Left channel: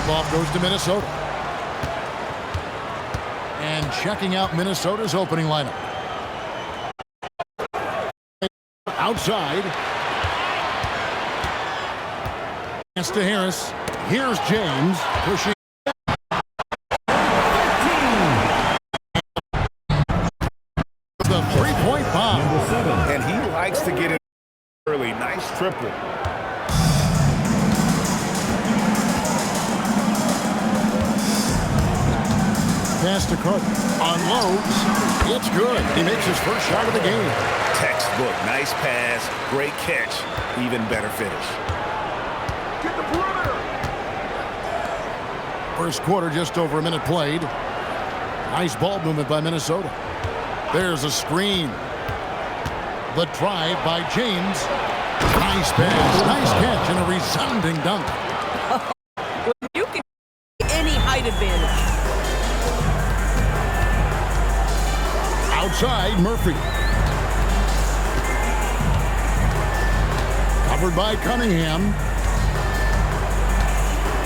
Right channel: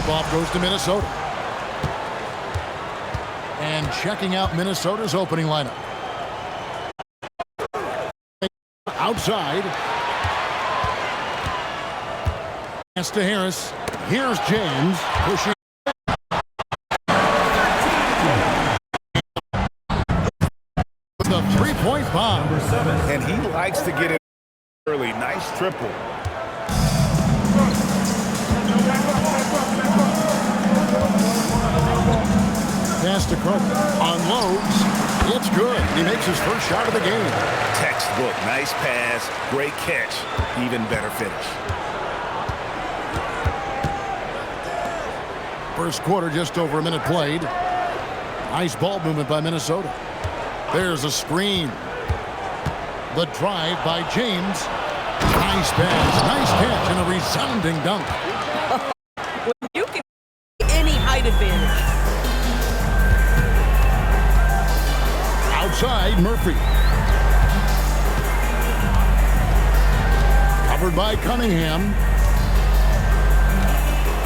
Tip-off goes to Minnesota. And checking out Minnesota's opening lineup. Outside. Pass to Harris. Here's James pushing. The three-point bomb. And he likes to get it early. Nice triple. Pass to Carter. Unloads. It's good. He makes his first shot of the game. Textbook. Nice pass. Great catch. Even better finish. First quarter, just over a minute played. Nice ball movement by Minnesota. There's a screen. The drive by James. Nice pass. Nice catch and a resounding dunk. When you can get any height advantage. Outside, Murphy. Covered by Cunningham.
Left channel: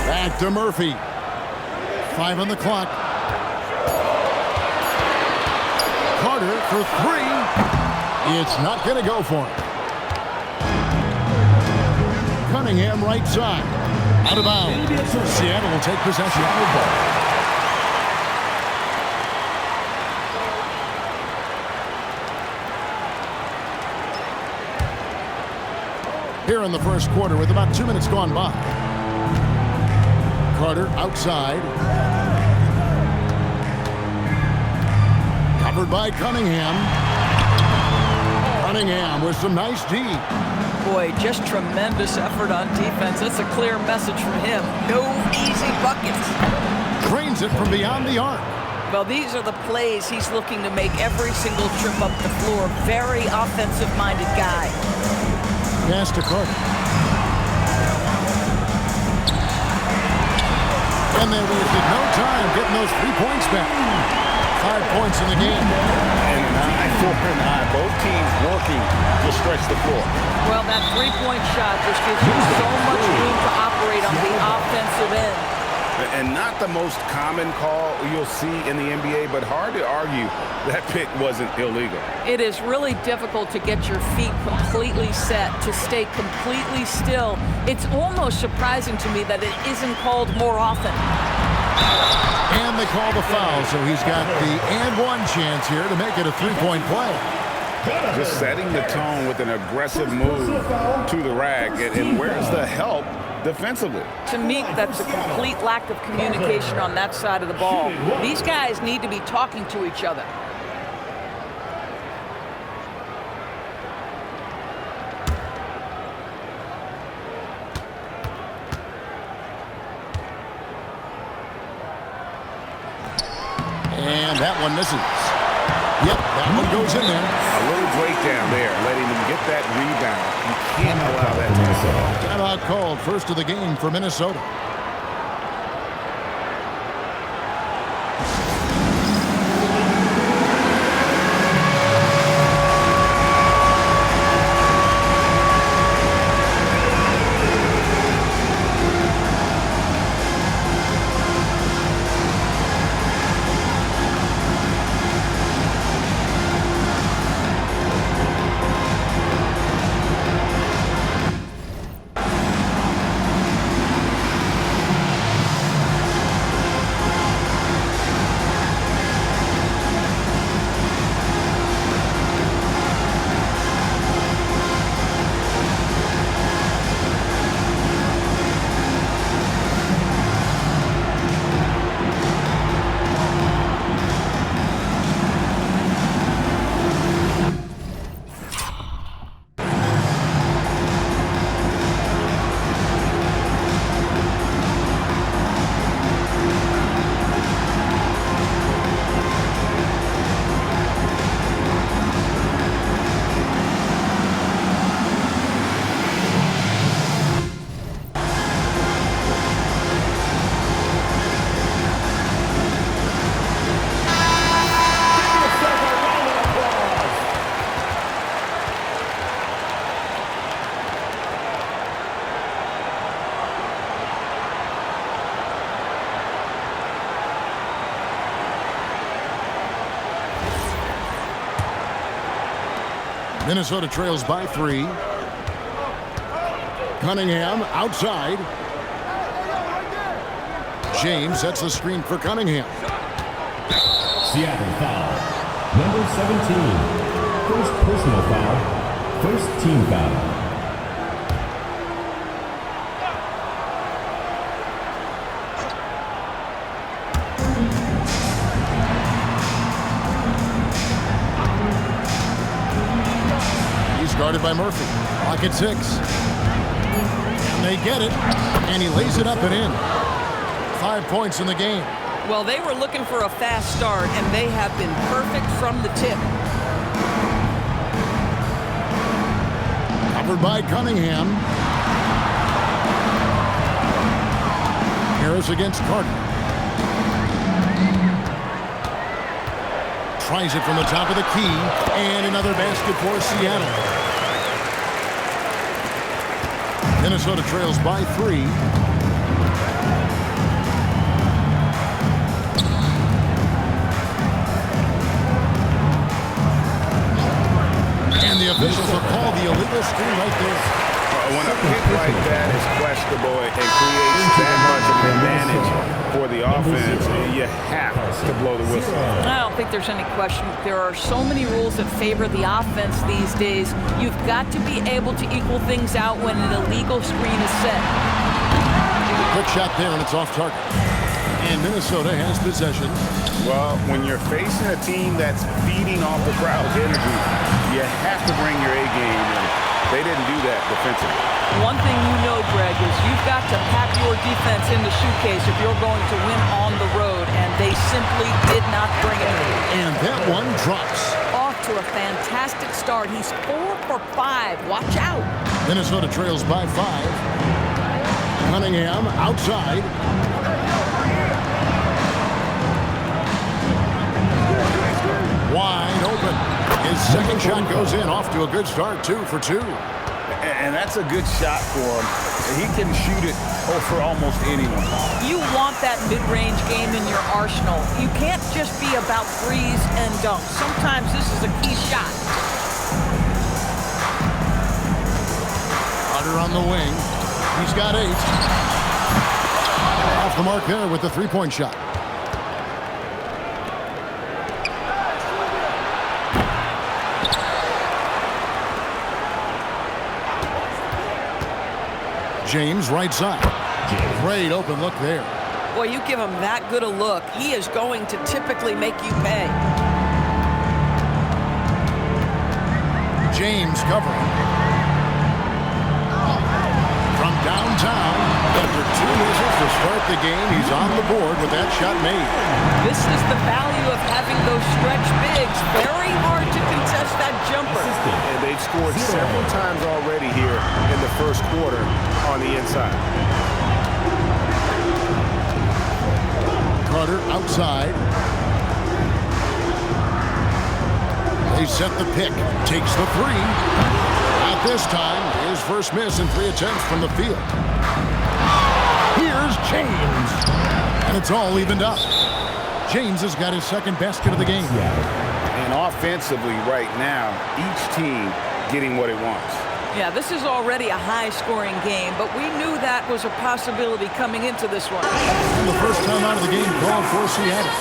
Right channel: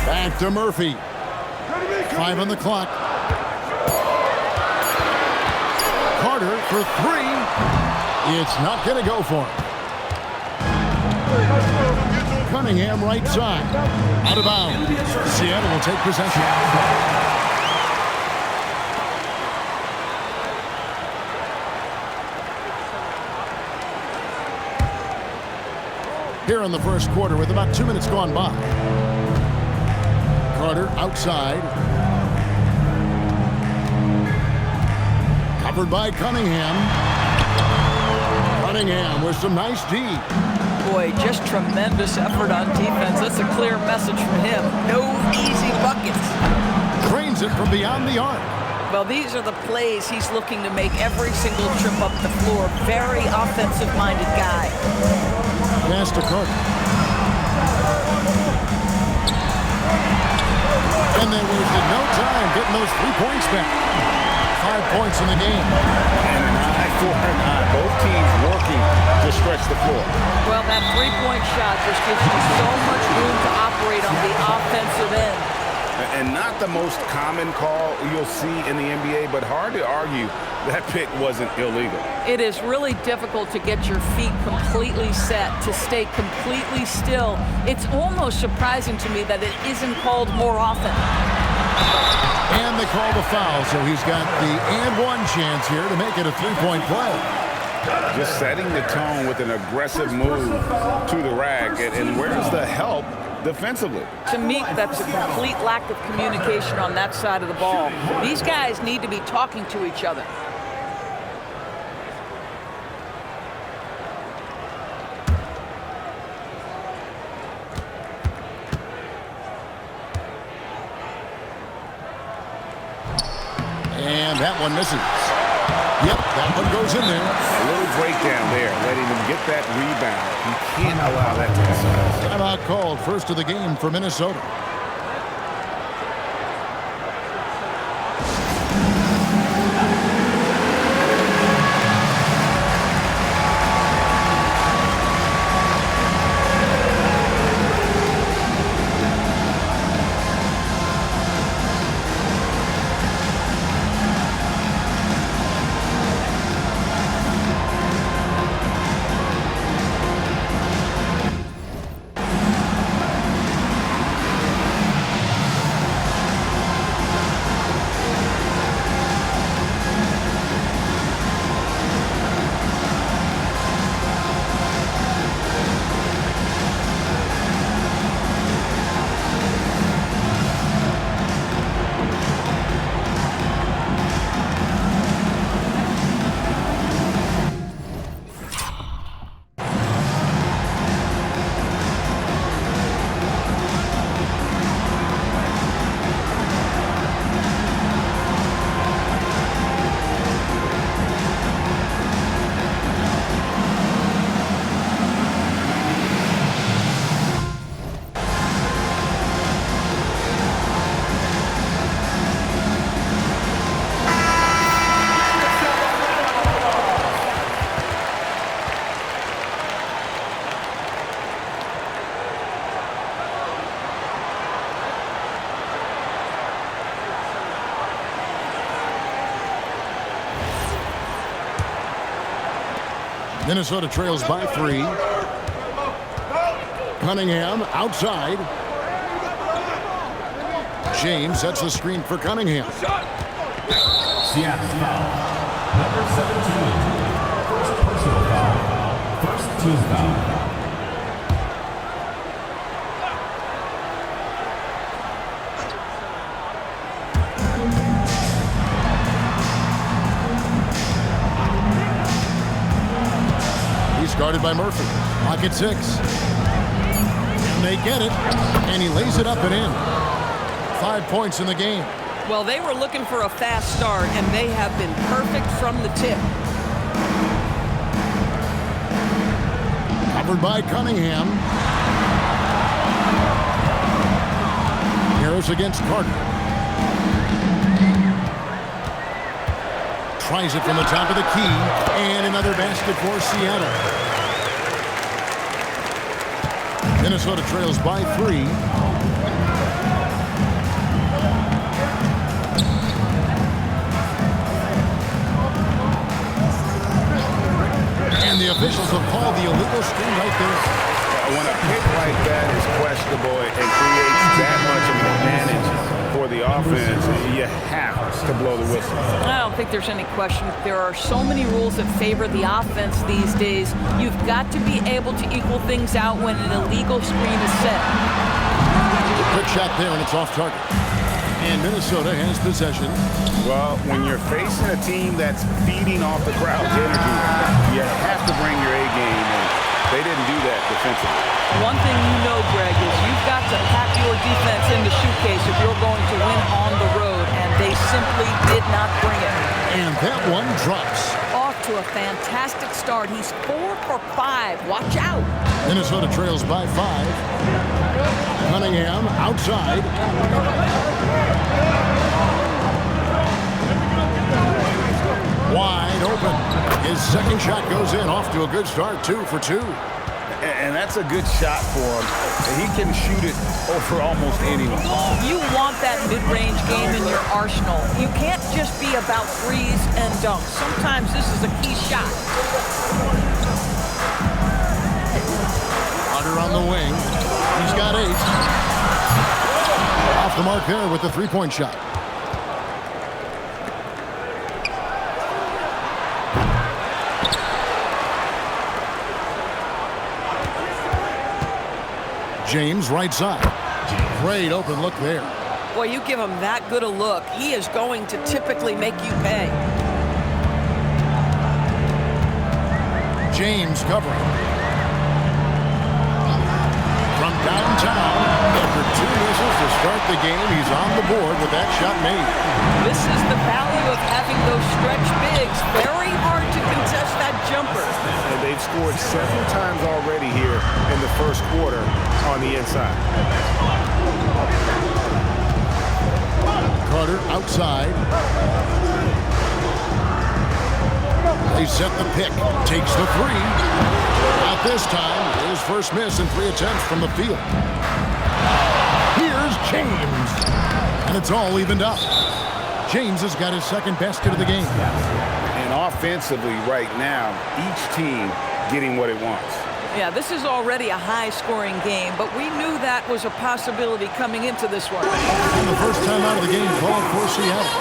Back to Murphy. 5 on the clock. Carter for 3. It's not going to go for him. Cunningham right side. Out of bounds. Seattle will take possession. Here in the first quarter with about 2 minutes gone by. Carter outside. Covered by Cunningham. Cunningham with some nice D. Boy, just tremendous effort on defense. That's a clear message from him. No easy buckets. Drains it from beyond the arc. Well, these are the plays he's looking to make every single trip up the floor. Very offensive-minded guy. Pass to Carter. And they wasted no time getting those 3 points back. 5 points in the game. And an eye for an eye. Both teams working to stretch the floor. Well, that three-point shot just gives you so much room to operate on the offensive end. And not the most common call you'll see in the NBA, but hard to argue that pick wasn't illegal. It is really difficult to get your feet completely set, to stay completely still. It's almost surprising to me that it isn't called more often. And they call the foul, so he's got the and one chance here to make it a three-point play. Just setting the tone with an aggressive move to the rack. And where's the help defensively? To me, that's a complete lack of communication on that side of the ball. These guys need to be talking to each other. And that one misses. Yep, that one goes in there. A little breakdown there, letting them get that rebound. You can't allow that to happen. Timeout called, first of the game for Minnesota. Minnesota trails by 3. Cunningham outside. James sets the screen for Cunningham. Seattle foul. Number 17. First personal foul. First team foul. He's guarded by Murphy. Clock at 6. And they get it. And he lays it up and in. 5 points in the game. Well, they were looking for a fast start, and they have been perfect from the tip. Covered by Cunningham. Harris against Carter. Tries it from the top of the key. And another basket for Seattle. Minnesota trails by 3. And the officials have called the illegal screen right there. When a pick like that is questionable and creates that much of an advantage for the offense, you have to blow the whistle. I don't think there's any question. There are so many rules that favor the offense these days. You've got to be able to equal things out when an illegal screen is set. Quick shot there, and it's off target. And Minnesota has possession. Well, when you're facing a team that's feeding off the crowd's energy, you have to bring your A game, and they didn't do that defensively. One thing you know, Greg, is you've got to pack your defense in the suitcase if you're going to win on the road, and they simply did not bring it. And that one drops. Off to a fantastic start. He's 4 for 5. Watch out. Minnesota trails by 5. Cunningham outside. Wide open. His second shot goes in. Off to a good start. 2 for 2. And that's a good shot for him. He can shoot it over almost anyone. You want that mid-range game in your arsenal. You can't just be about threes and dunks. Sometimes this is a key shot. Carter on the wing. He's got 8. Off the mark there with the three-point shot. James right side. Great open look there. Boy, you give him that good a look, he is going to typically make you pay. James covering. From downtown, after 2 misses to start the game, he's on the board with that shot made. This is the value of having those stretch bigs. Very hard to contest that jumper. And they've scored several times already here in the first quarter on the inside. Carter outside. They set the pick. Takes the 3. Not this time. His first miss in 3 attempts from the field. Here's James. And it's all evened up. James has got his second basket of the game. And offensively right now, each team getting what it wants. Yeah, this is already a high-scoring game, but we knew that was a possibility coming into this one. And the first time out of the game called for Seattle.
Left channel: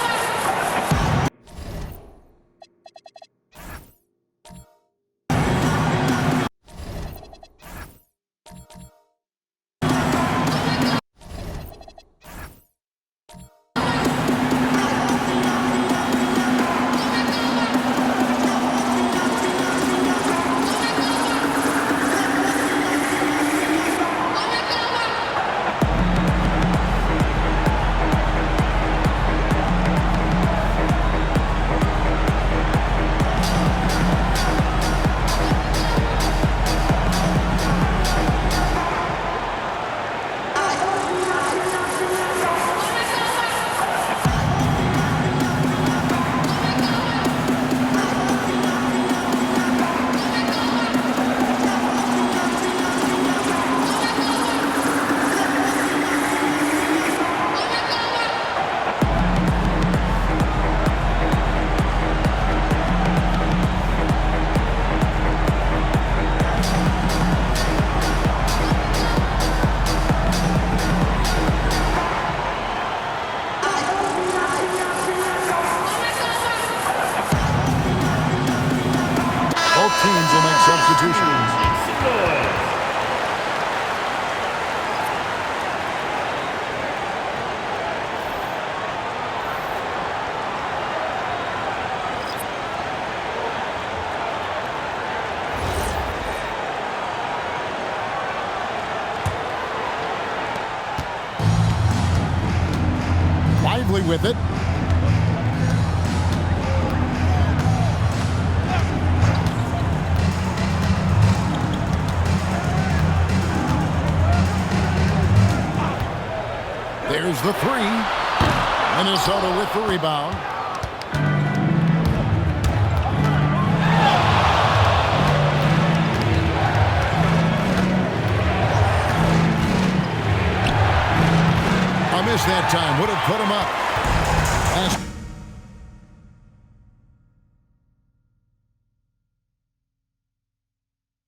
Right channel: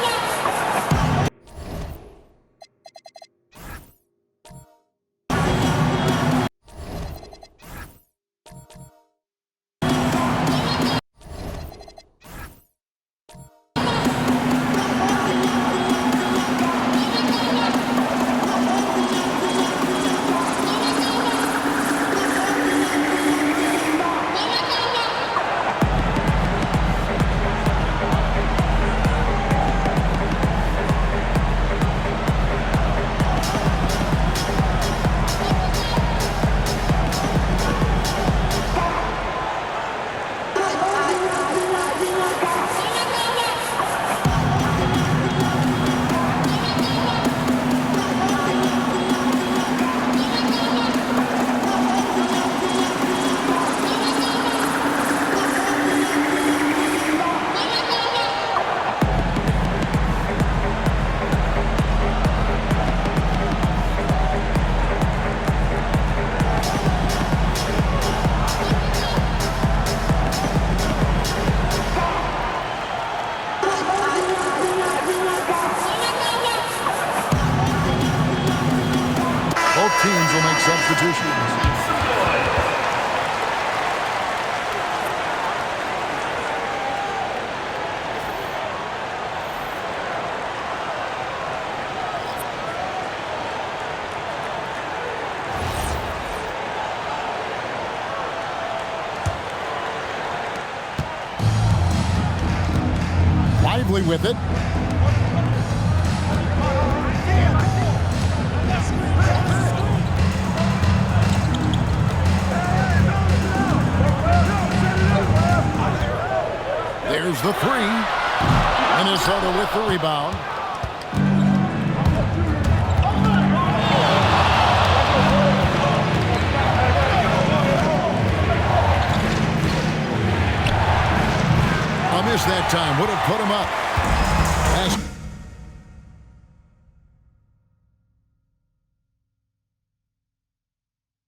Both teams will make substitutions. Lively with it. There's the three. Minnesota with the rebound. A miss that time would have put him up. Last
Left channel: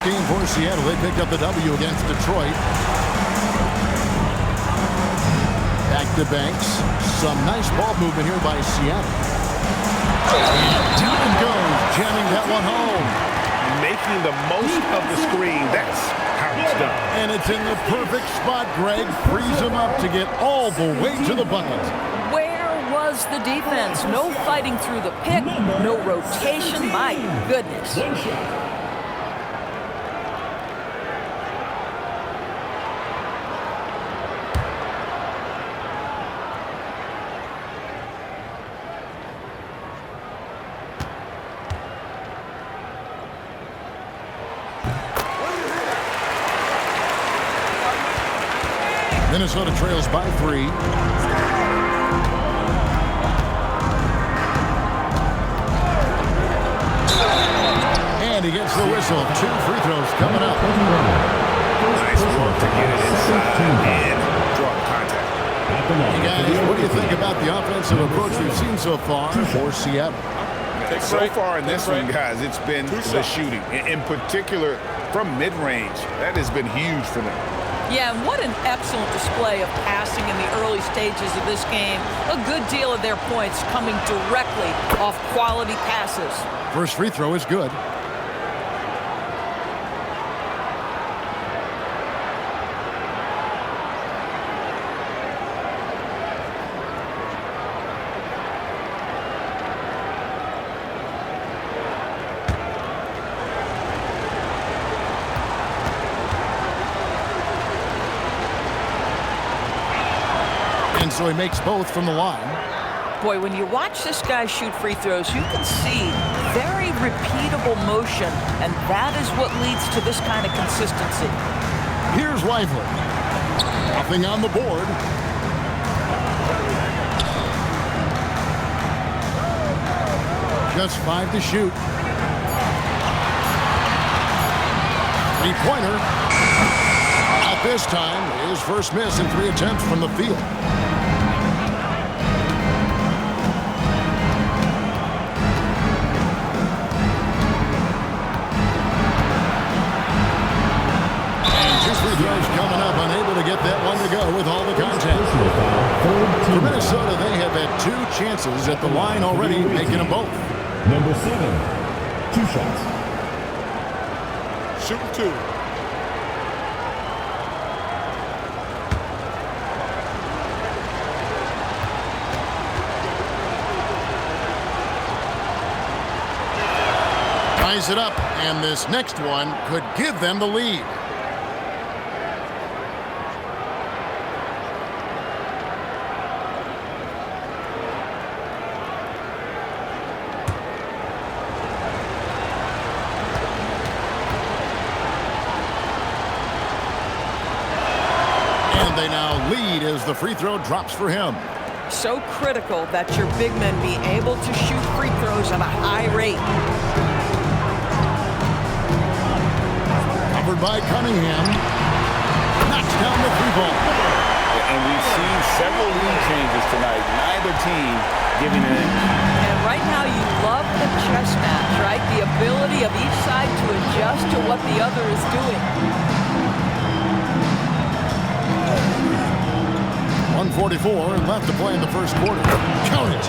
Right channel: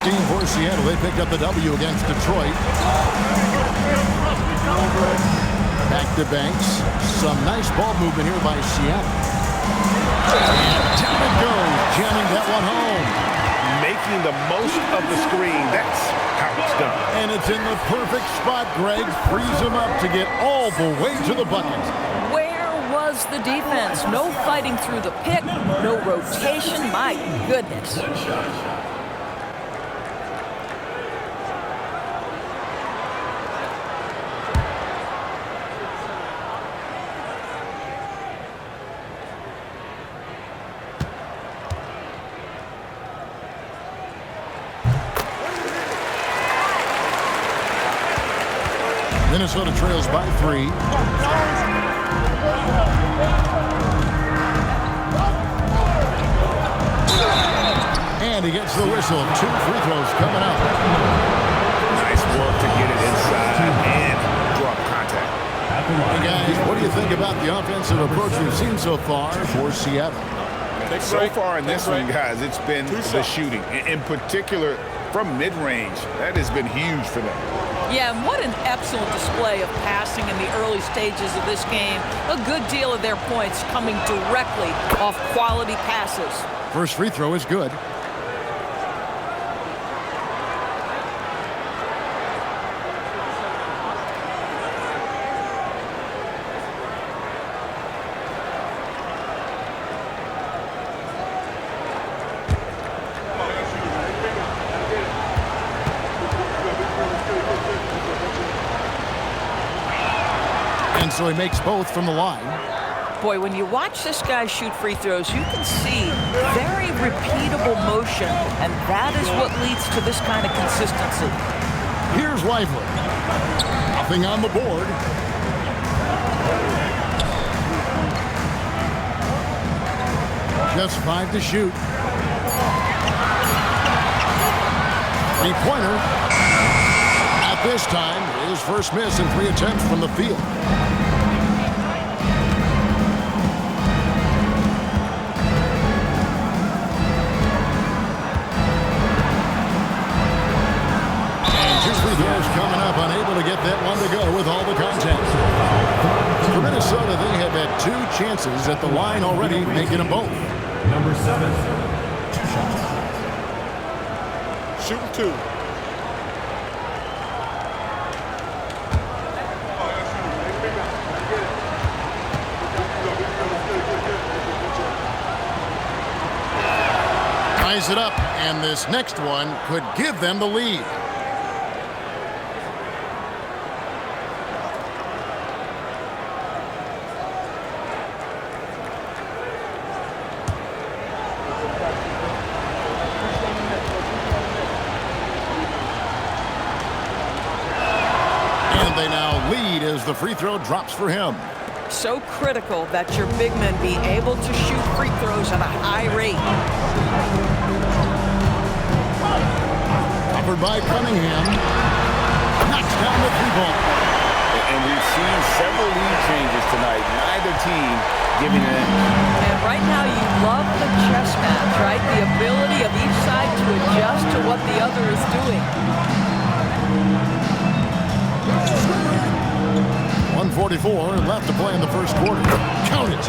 team for Seattle. They picked up the W against Detroit. Back to Banks. Some nice ball movement here by Seattle. And down it goes, jamming that one home. Making the most of the screen. That's how it's done. And it's in the perfect spot, Greg. Frees him up to get all the way to the bucket. Where was the defense? No fighting through the pick, no rotation. My goodness. One shot. Minnesota trails by 3. And he gets the whistle. 2 free throws coming up. Nice work to get it inside and draw the contact. Hey guys, what do you think about the offensive approach we've seen so far for Seattle? So far in this one, guys, it's been the shooting. In particular, from mid-range, that has been huge for them. Yeah, and what an excellent display of passing in the early stages of this game. A good deal of their points coming directly off quality passes. First free throw is good. And so he makes both from the line. Boy, when you watch this guy shoot free throws, you can see very repeatable motion, and that is what leads to this kind of consistency. Here's Lively. Nothing on the board. Just 5 to shoot. Three-pointer. Not this time. His first miss in 3 attempts from the field. Free throws coming up, unable to get that one to go with all the contact. For Minnesota, they have had 2 chances at the line already, making them both. Number 7, 2 shots. Shooting 2. Ties it up, and this next one could give them the lead. They now lead as the free throw drops for him. So critical that your big men be able to shoot free throws at a high rate. Covered by Cunningham. Knocks down the 3-ball. And we've seen several lead changes tonight. Neither team giving an inch. And right now you love the chess match, right? The ability of each side to adjust to what the other is doing. 1:44 left to play in the first quarter. Count it.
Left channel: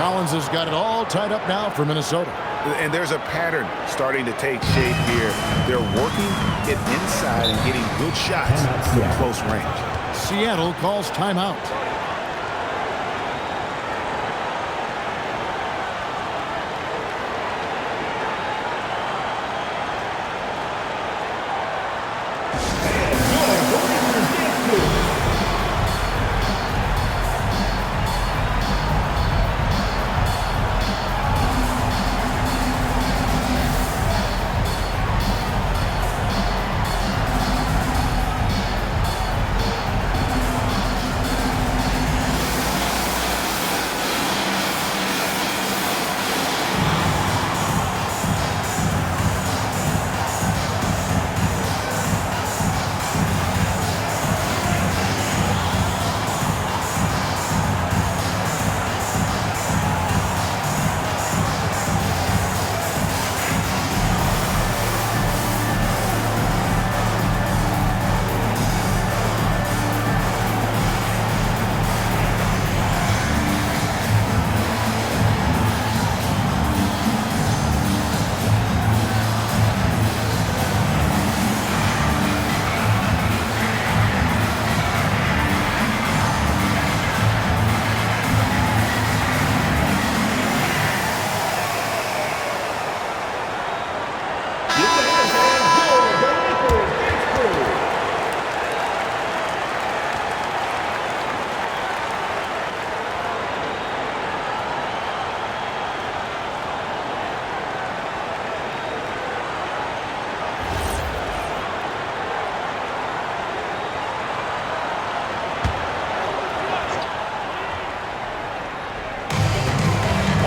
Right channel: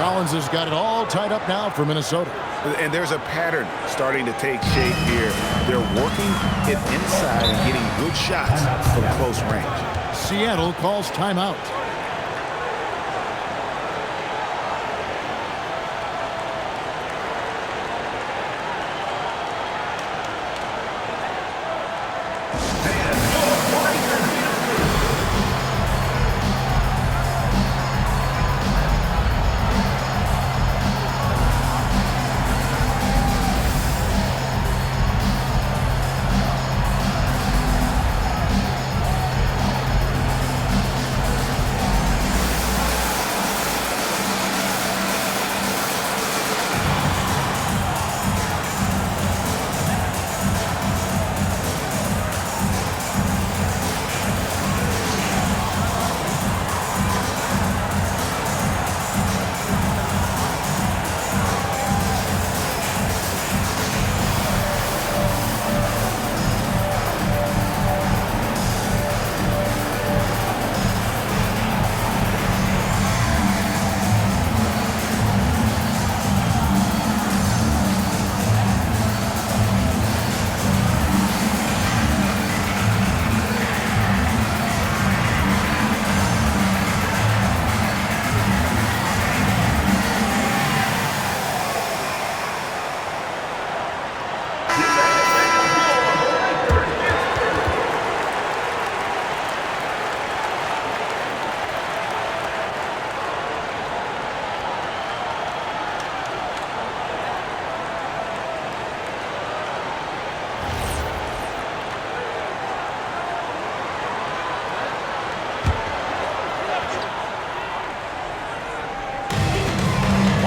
Collins has got it all tied up now for Minnesota. And there's a pattern starting to take shape here. They're working it inside and getting good shots from close range. Seattle calls timeout.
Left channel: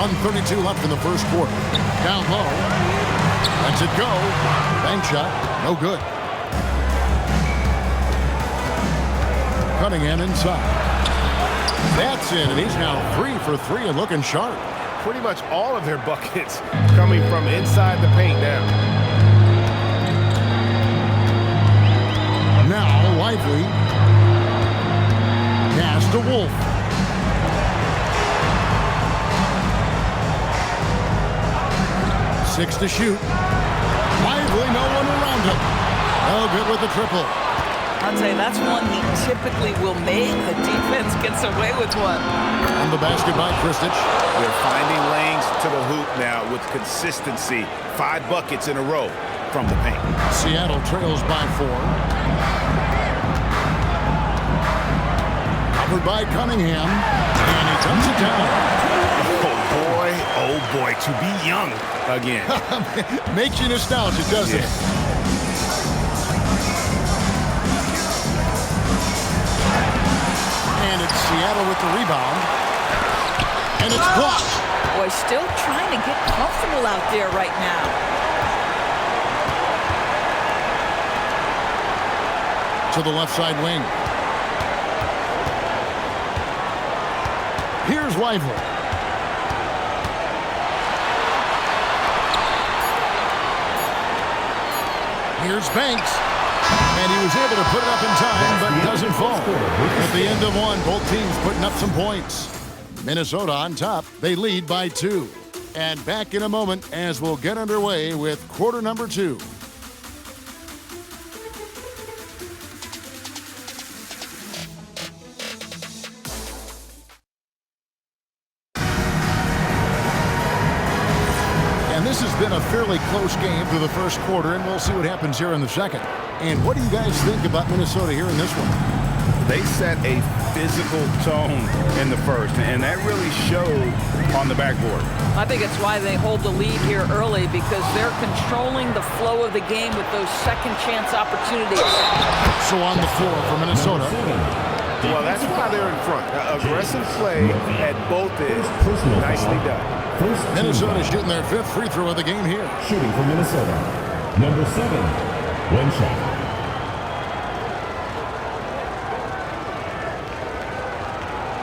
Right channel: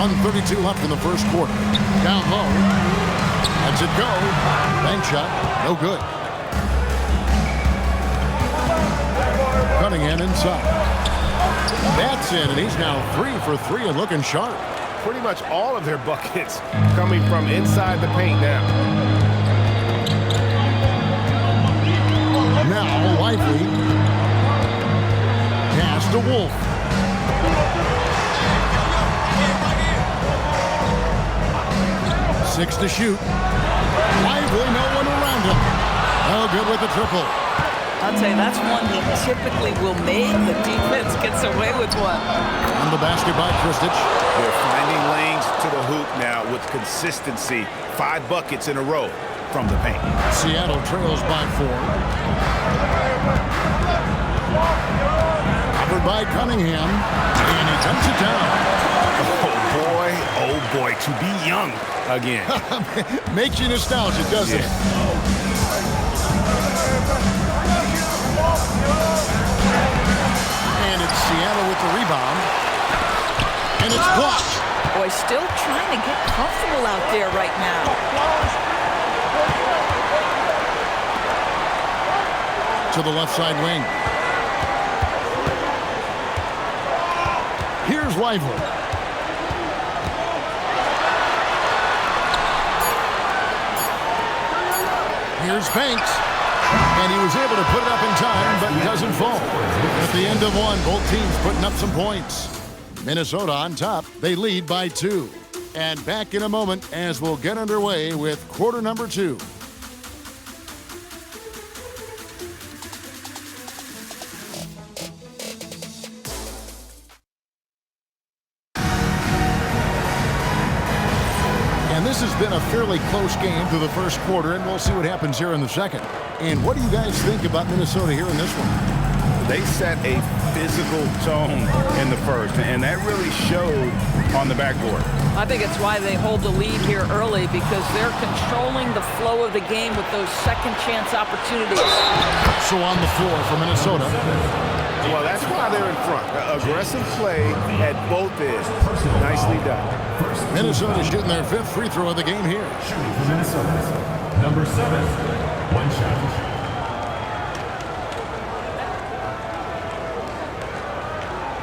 .132 left in the first quarter. Down low. Lets it go. Bank shot. No good. Cunningham inside. That's in, and he's now 3 for 3 and looking sharp. Pretty much all of their buckets coming from inside the paint now. Now Lively. Pass to Wolf. Six to shoot. Lively, no one around him. No good with the triple. I'll tell you, that's one he typically will make. The defense gets away with one. On the basket by Kristich. They're finding lanes to the hoop now with consistency. 5 buckets in a row from the paint. Seattle trails by 4. Covered by Cunningham. And he dumps it down. Oh boy, to be young again. Makes you nostalgic, doesn't it? And it's Seattle with the rebound. And it's blocked. Boy, still trying to get comfortable out there right now. To the left side wing. Here's Lively. Here's Banks. And he was able to put it up in time, but doesn't fall. At the end of one, both teams putting up some points. Minnesota on top. They lead by 2. And back in a moment as we'll get underway with quarter number 2. And this has been a fairly close game through the first quarter, and we'll see what happens here in the second. And what do you guys think about Minnesota here in this one? They set a physical tone in the first, and that really showed on the backboard. I think it's why they hold the lead here early, because they're controlling the flow of the game with those second chance opportunities. So on the floor for Minnesota. Well, that's why they're in front. Aggressive play at both ends. Nicely done. Minnesota shooting their 5th free throw of the game here. Shooting for Minnesota. Number 7, 1 shot.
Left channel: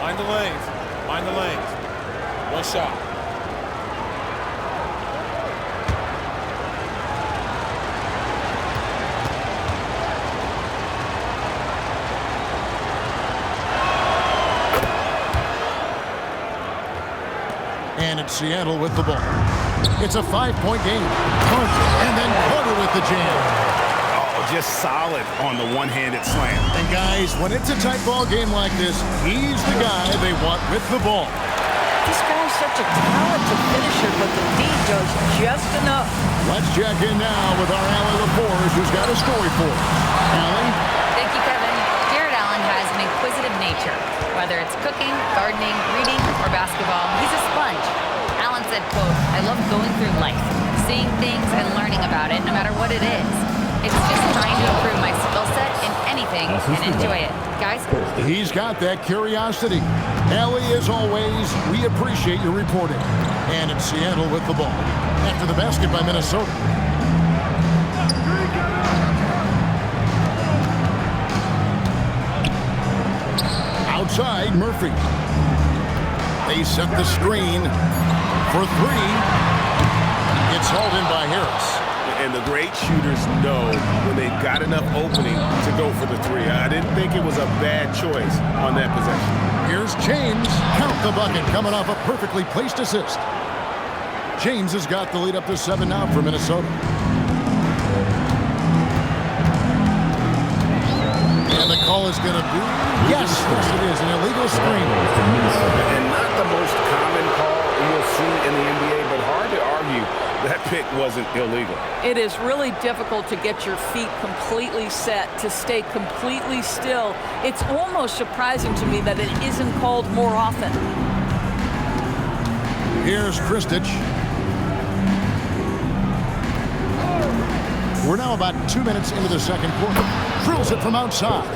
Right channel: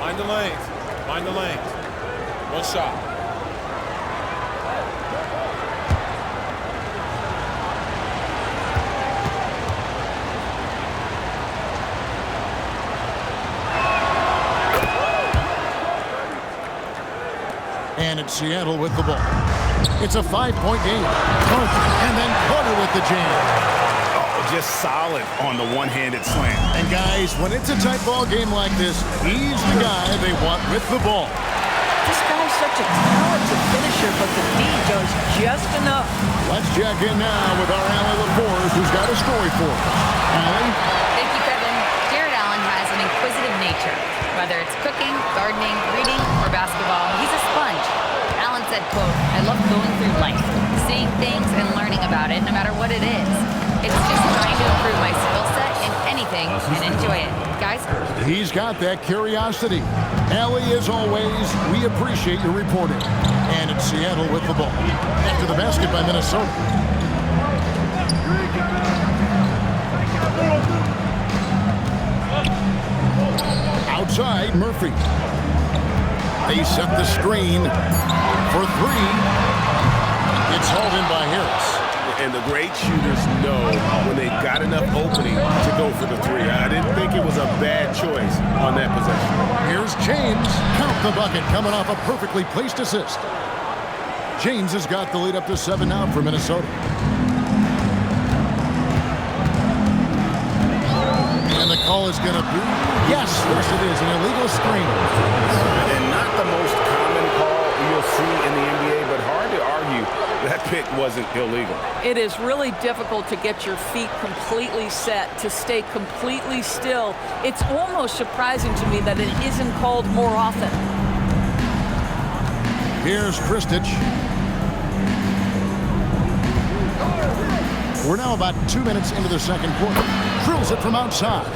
Mind the lanes. Mind the lanes. 1 shot. And it's Seattle with the ball. It's a 5-point game. Carter, and then Carter with the jam. Oh, just solid on the one-handed slam. And guys, when it's a tight ball game like this, he's the guy they want with the ball. This guy's such a talented finisher, but the D does just enough. Let's check in now with our Allie LaForce, who's got a story for us. Allie? Thank you, Kevin. Jared Allen has an inquisitive nature. Whether it's cooking, gardening, reading, or basketball, he's a sponge. Allen said, quote, "I love going through life, seeing things and learning about it no matter what it is. It's just trying to improve my skill set in anything and enjoy it." Guys? He's got that curiosity. Allie, as always, we appreciate your reporting. And it's Seattle with the ball. After the basket by Minnesota. Outside, Murphy. They set the screen for three. It's hauled in by Harris. And the great shooters know when they've got enough opening to go for the three. I didn't think it was a bad choice on that possession. Here's James. Count the bucket coming off a perfectly placed assist. James has got the lead up to 7 now for Minnesota. And the call is going to be, yes, it is, an illegal screen. And not the most common call you'll see in the NBA, but hard to argue that pick wasn't illegal. It is really difficult to get your feet completely set, to stay completely still. It's almost surprising to me that it isn't called more often. Here's Kristich. We're now about 2 minutes into the second quarter. Drills it from outside.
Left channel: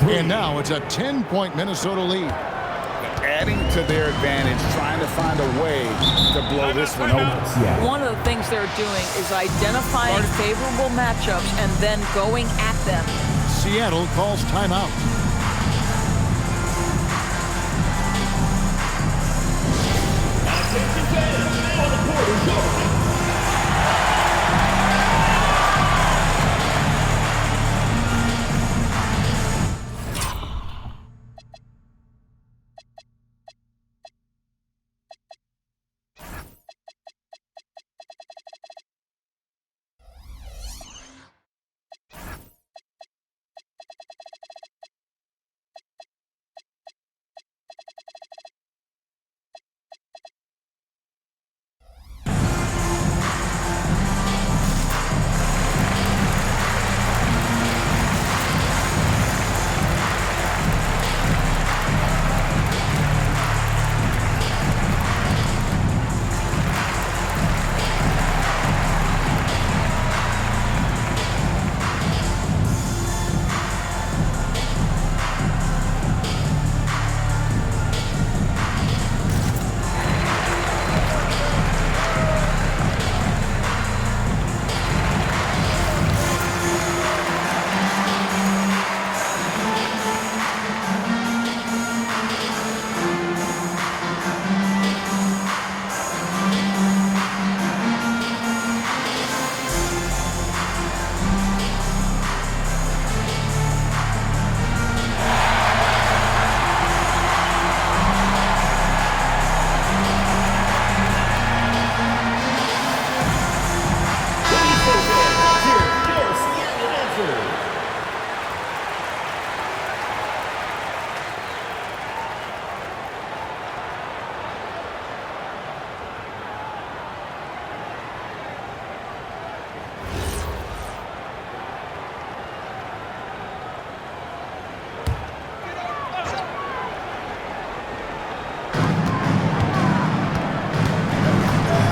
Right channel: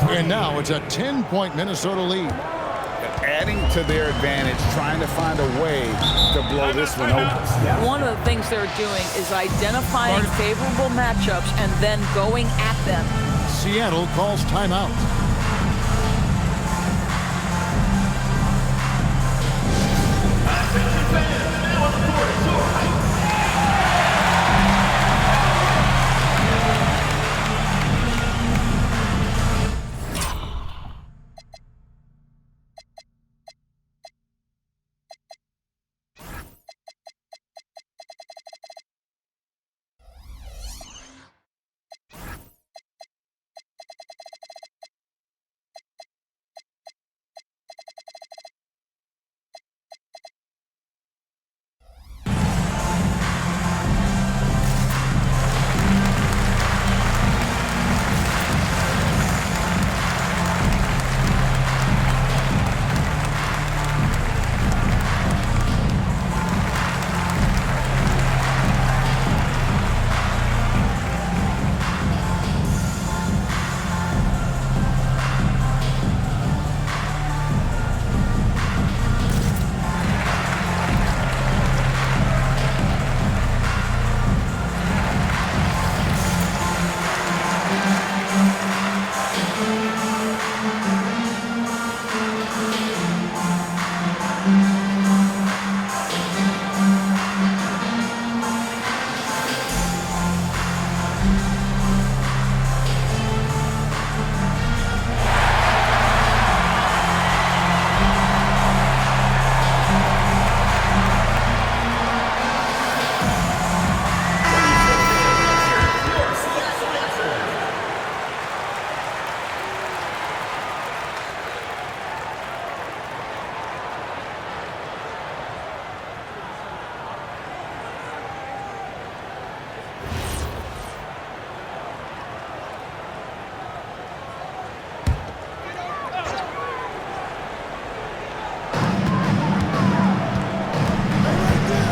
And now it's a 10-point Minnesota lead. Adding to their advantage, trying to find a way to blow this one open. One of the things they're doing is identifying favorable matchups and then going at them. Seattle calls timeout.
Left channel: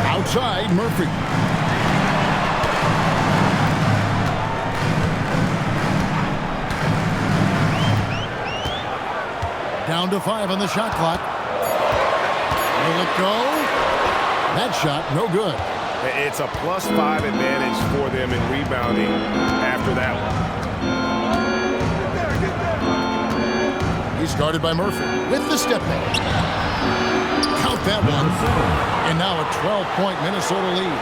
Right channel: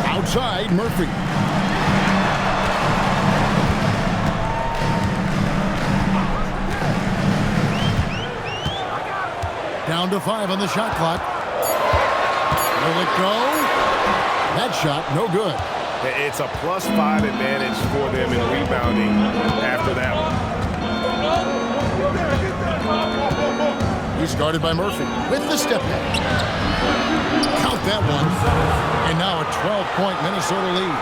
Outside, Murphy. Down to 5 on the shot clock. Will it go? That shot, no good. It's a +5 advantage for them in rebounding after that one. He's guarded by Murphy with the step back. Count that one. And now a 12-point Minnesota lead.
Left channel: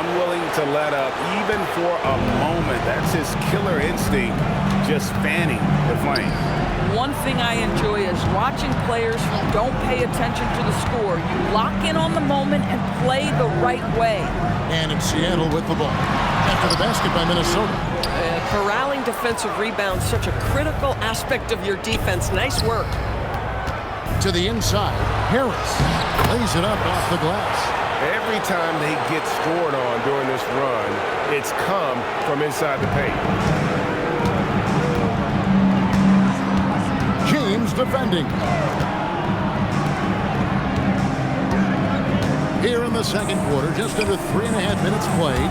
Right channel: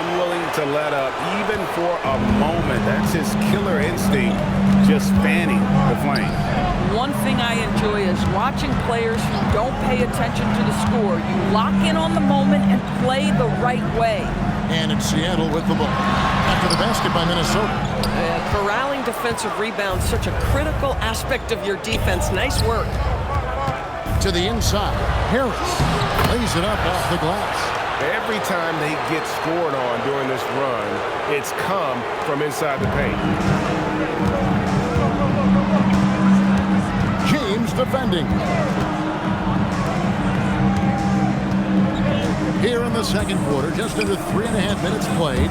Unwilling to let up even for a moment. That's his killer instinct, just fanning the flame. One thing I enjoy is watching players who don't pay attention to the score. You lock in on the moment and play the right way. And it's Seattle with the ball. After the basket by Minnesota. Corralling defensive rebounds, such a critical aspect of your defense. Nice work. To the inside, Harris lays it up off the glass. Every time they get scored on during this run, it's come from inside the paint. James defending. Here in the second quarter, just under 3.5 minutes played.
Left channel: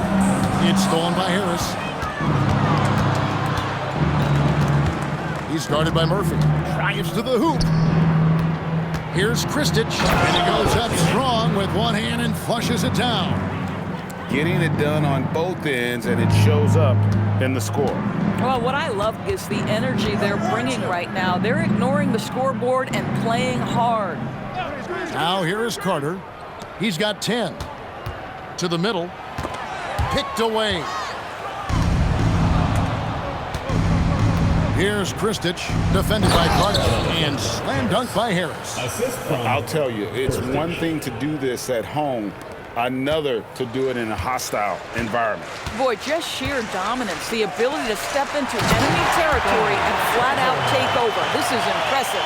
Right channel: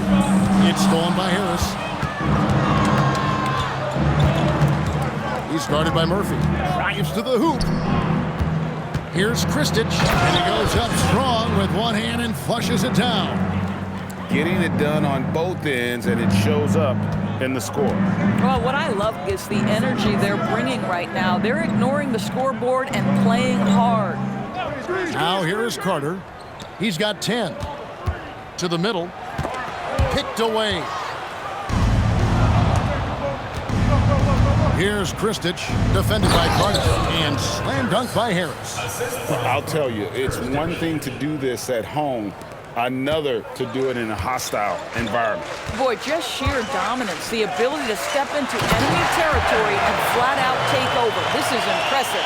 It's stolen by Harris. He's guarded by Murphy. Drives to the hoop. Here's Kristich, and he goes up strong with one hand and flushes it down. Getting it done on both ends, and it shows up in the score. Well, what I love is the energy they're bringing right now. They're ignoring the scoreboard and playing hard. Now here is Carter. He's got 10. To the middle. Picked away. Here's Kristich, defended by Carter, and slam dunk by Harris. I'll tell you, it's one thing to do this at home, another to do it in a hostile environment. Boy, just sheer dominance, the ability to step into enemy territory and flat out take over. This is impressive.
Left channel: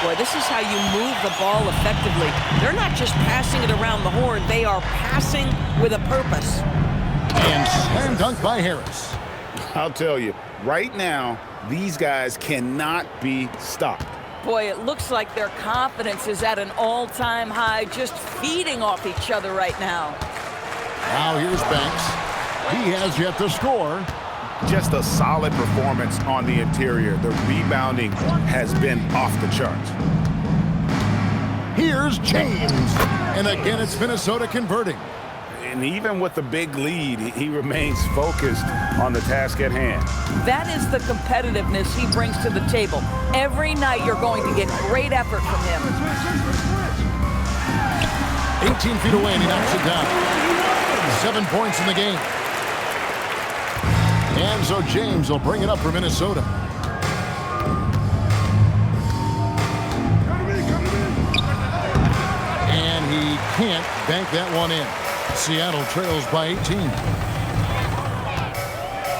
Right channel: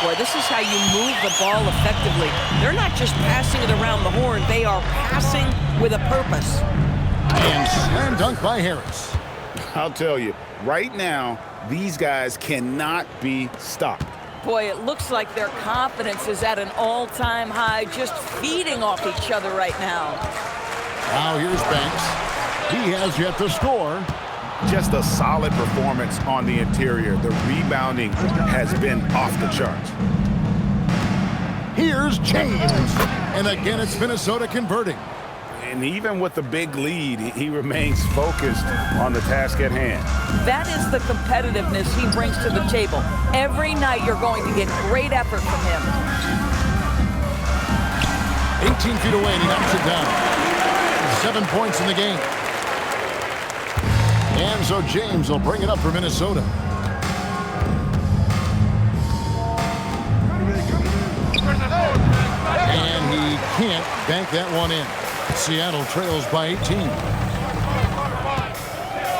Boy, this is how you move the ball effectively. They're not just passing it around the horn, they are passing with a purpose. And slam dunk by Harris. I'll tell you, right now, these guys cannot be stopped. Boy, it looks like their confidence is at an all-time high, just feeding off each other right now. Now here's Banks. He has yet to score. Just a solid performance on the interior. The rebounding has been off the charts. Here's James. And again, it's Minnesota converting. And even with the big lead, he remains focused on the task at hand. That is the competitiveness he brings to the table. Every night you're going to get great effort from him. 18 feet away, and he knocks it down. 7 points in the game. And so James will bring it up for Minnesota. And he can't bank that one in. Seattle trails by 18.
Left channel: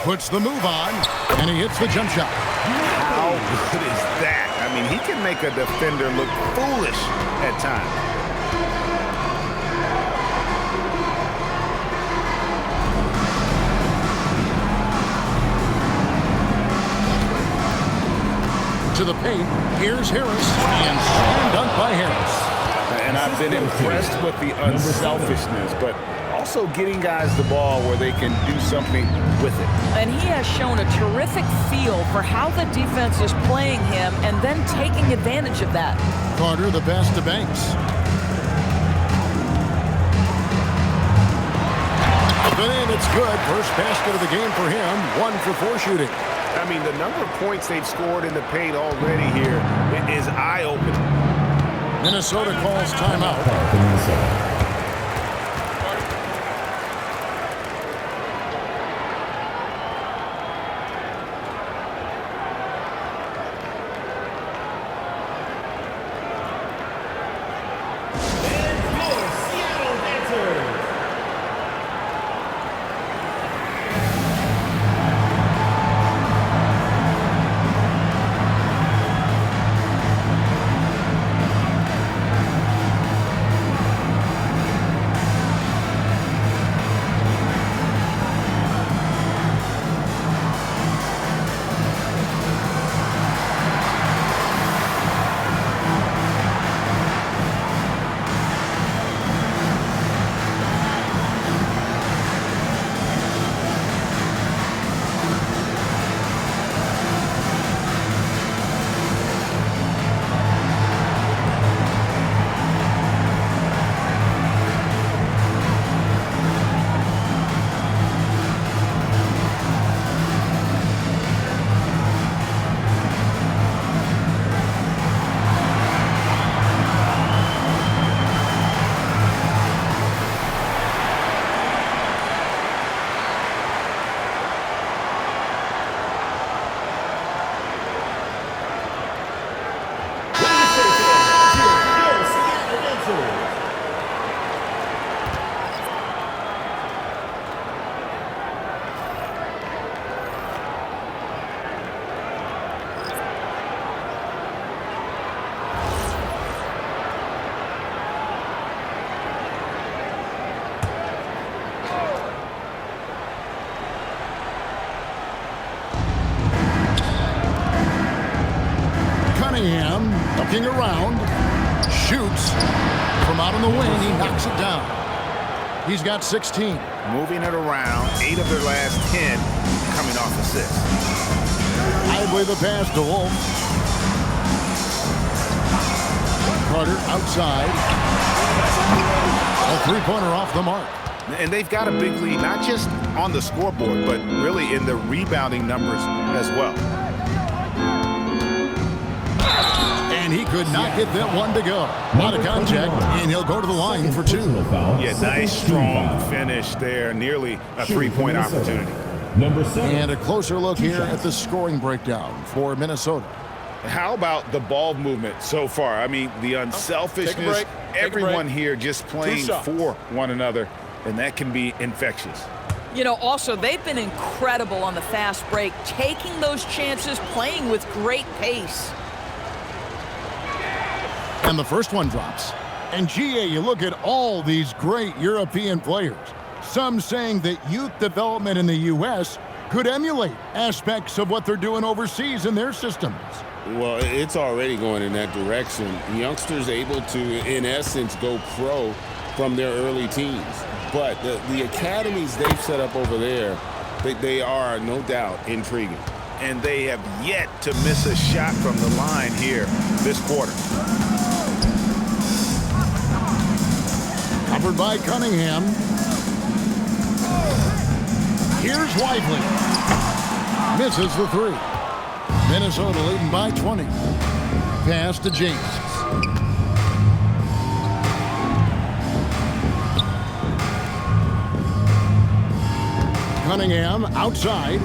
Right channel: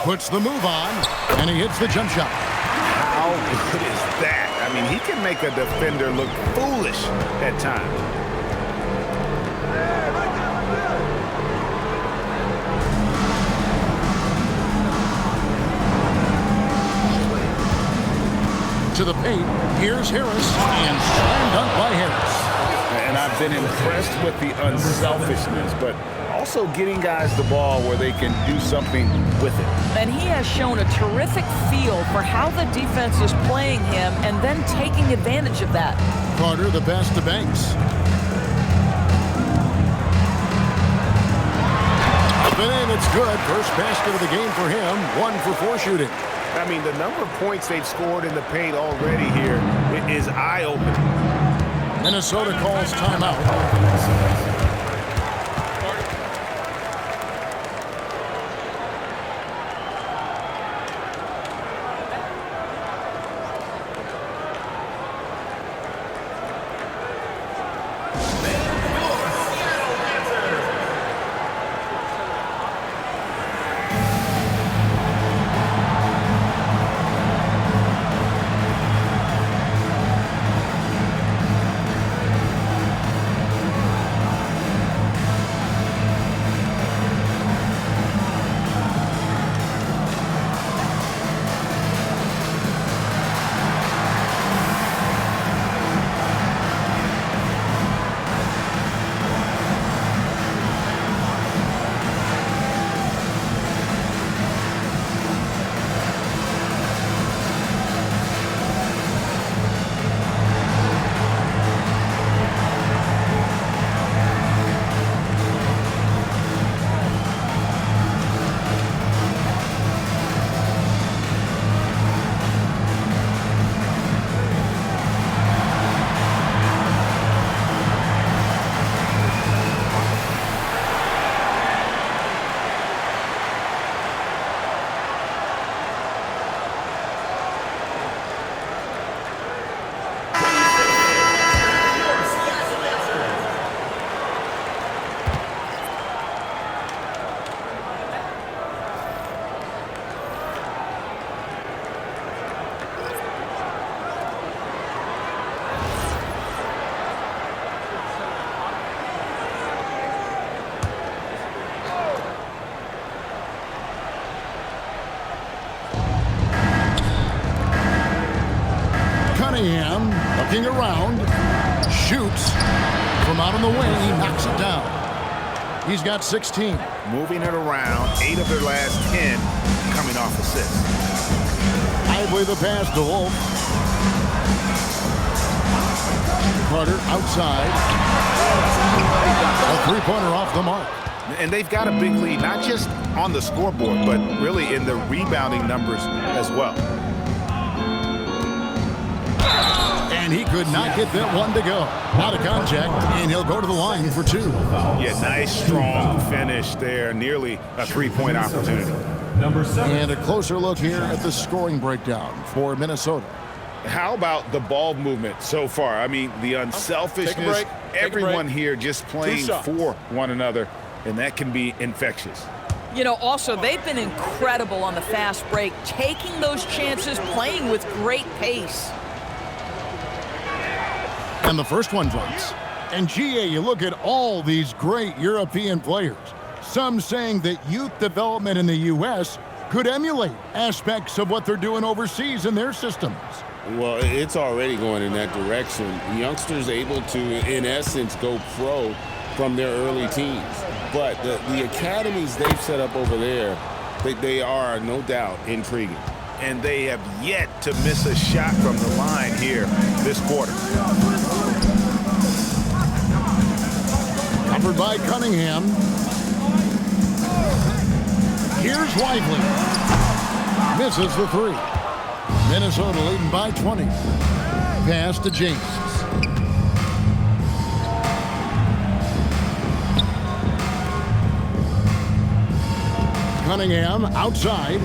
Puts the move on, and he hits the jump shot. How good is that? I mean, he can make a defender look foolish at times. To the paint, here's Harris, and slam dunk by Harris. And I've been impressed with the unselfishness, but also getting guys the ball where they can do something with it. And he has shown a terrific feel for how the defense is playing him and then taking advantage of that. Carter, the pass to Banks. Up and in, it's good. First basket of the game for him. 1 for 4 shooting. I mean, the number of points they've scored in the paint already here is eye-opening. Minnesota calls timeout. Cunningham looking around, shoots from out on the wing. He knocks it down. He's got 16. Moving it around, 8 of their last 10 coming off assists. Lively the pass to Wolf. Carter outside. A three-pointer off the mark. And they've got a big lead, not just on the scoreboard, but really in the rebounding numbers as well. And he could not get that one to go. Out of contact, and he'll go to the line for 2. Yeah, nice, strong finish there. Nearly a three-point opportunity. Number 7. And a closer look here at the scoring breakdown for Minnesota. How about the ball movement so far? I mean, the unselfishness, everyone here just playing for one another, and that can be infectious. You know, also, they've been incredible on the fast break, taking those chances, playing with great pace. And the first one drops. And GA, you look at all these great European players. Some saying that youth development in the U.S. could emulate aspects of what they're doing overseas in their systems. Well, it's already going in that direction. Youngsters able to, in essence, go pro from their early teens. But the academies they've set up over there, they are, no doubt, intriguing. And they have yet to miss a shot from the line here this quarter. Covered by Cunningham. Here's Lively. Misses the 3. Minnesota leading by 20. Pass to James. Cunningham outside,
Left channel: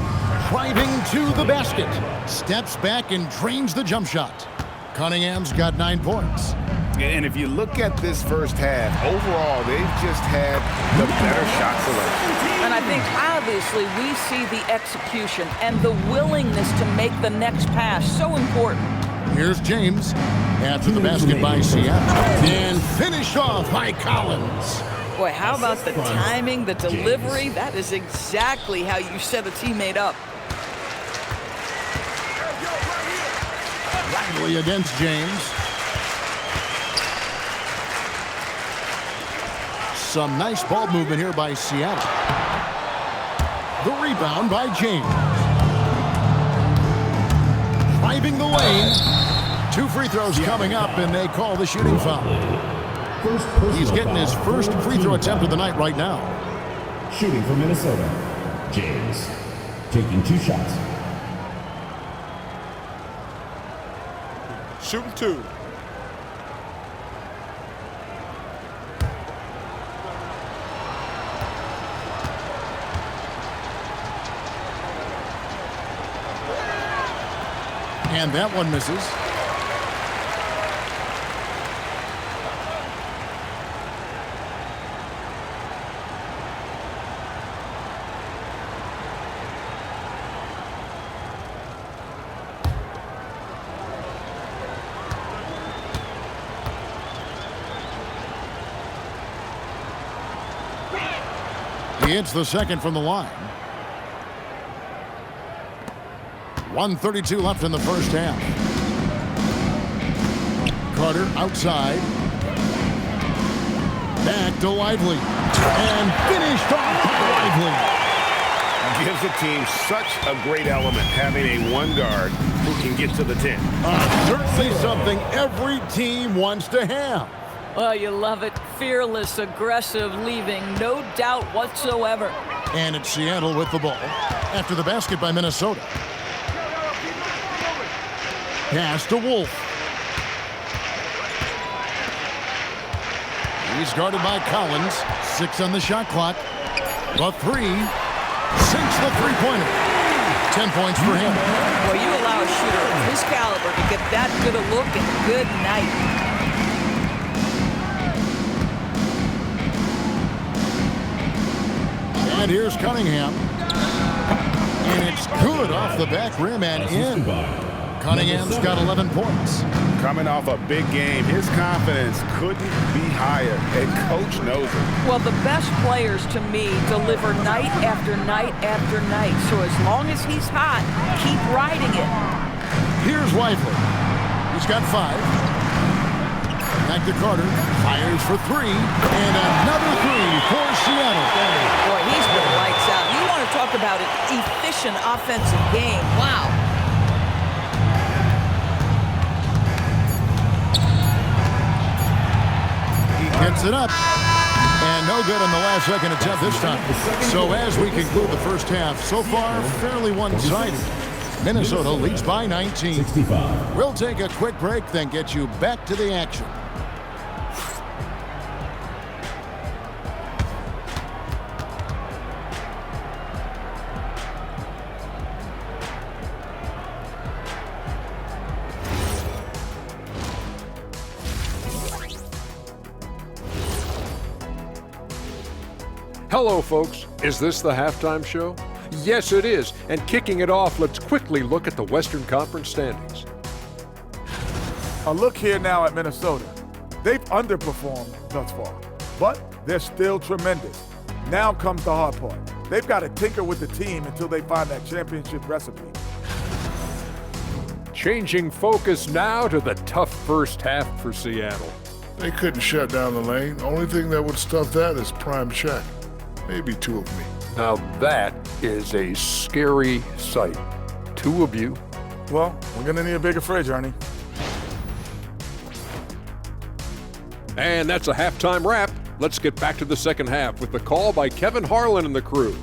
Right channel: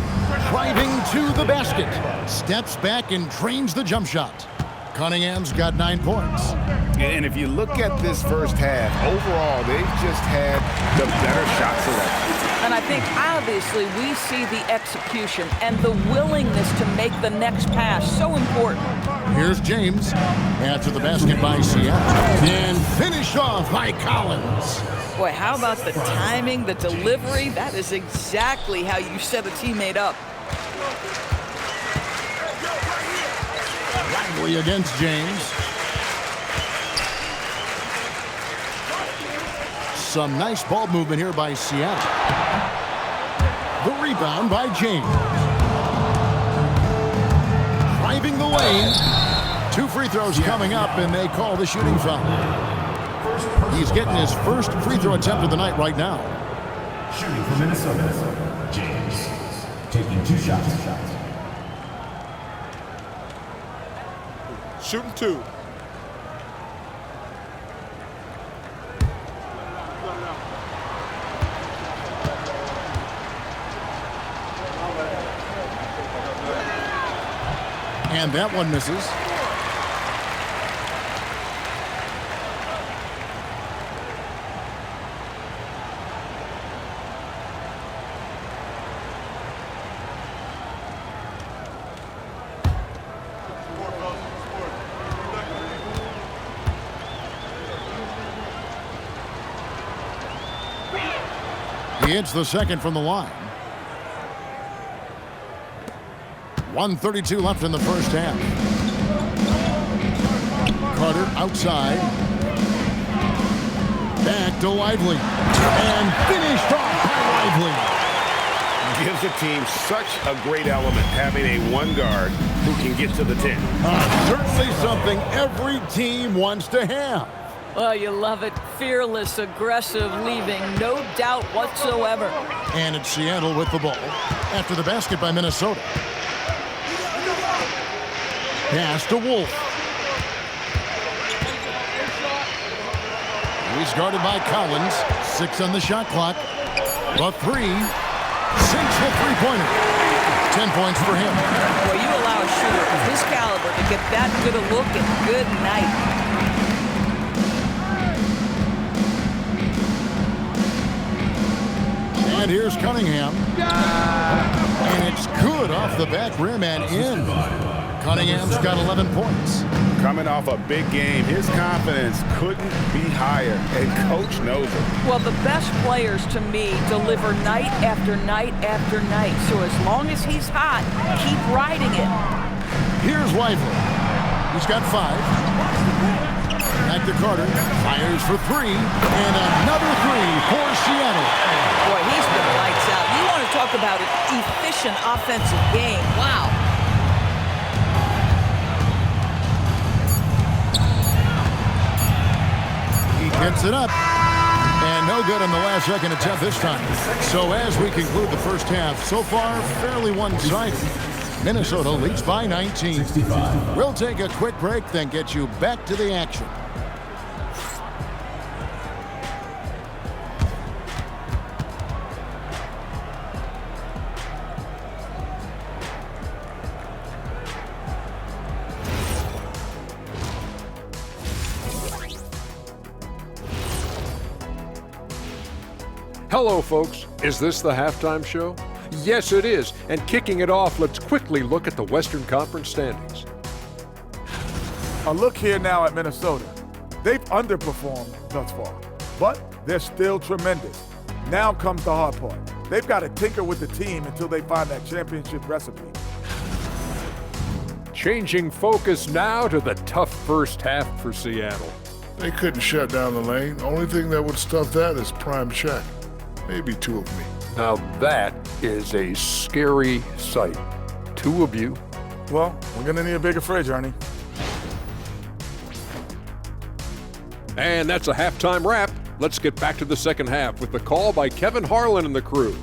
driving to the basket. Steps back and drains the jump shot. Cunningham's got 9 points. And if you look at this first half, overall, they've just had the better shot selection. And I think, obviously, we see the execution and the willingness to make the next pass so important. Here's James after the basket by Seattle. And finished off by Collins. Boy, how about the timing, the delivery? That is exactly how you set a teammate up. Lively against James. Some nice ball movement here by Seattle. The rebound by James. Driving the lane. 2 free throws coming up, and they call the shooting foul. He's getting his first free throw attempt of the night right now. Shooting for Minnesota, James. Taking 2 shots. Shooting 2. And that one misses. He hits the second from the line. 1:32 left in the first half. Carter outside. Back to Lively. And finished off by Lively. Gives the team such a great element having a one guard who can get to the 10. Certainly something every team wants to have. Oh, you love it. Fearless, aggressive, leaving no doubt whatsoever. And it's Seattle with the ball after the basket by Minnesota. Pass to Wolf. He's guarded by Collins. 6 on the shot clock. The 3 sinks the three-pointer. 10 points for him. Well, you allow a shooter of his caliber to get that good a look, and good night. And here's Cunningham. And it's good off the back rim and in. Cunningham's got 11 points. Coming off a big game, his confidence couldn't be higher, and coach knows it. Well, the best players, to me, deliver night after night after night. So as long as he's hot, keep riding it. Here's Lively. He's got 5. Back to Carter. Fires for 3. And another 3 for Seattle. Boy, he's been lights out. You want to talk about an efficient offensive game. Wow. He gets it up. And no good on the last second attempt this time. So as we conclude the first half, so far fairly one-sided. Minnesota leads by 19. 65. We'll take a quick break, then get you back to the action. Hello, folks. Is this the halftime show? Yes, it is. And kicking it off, let's quickly look at the Western Conference standings. A look here now at Minnesota. They've underperformed thus far, but they're still tremendous. Now comes the hard part. They've got to tinker with the team until they find that championship recipe. Changing focus now to the tough first half for Seattle. They couldn't shut down the lane. Only thing that would stuff that is prime check. Maybe 2 of me. Now that is a scary sight. 2 of you. Well, we're going to need a bigger fridge, Ernie. And that's a halftime wrap. Let's get back to the second half with the call by Kevin Harlan and the crew.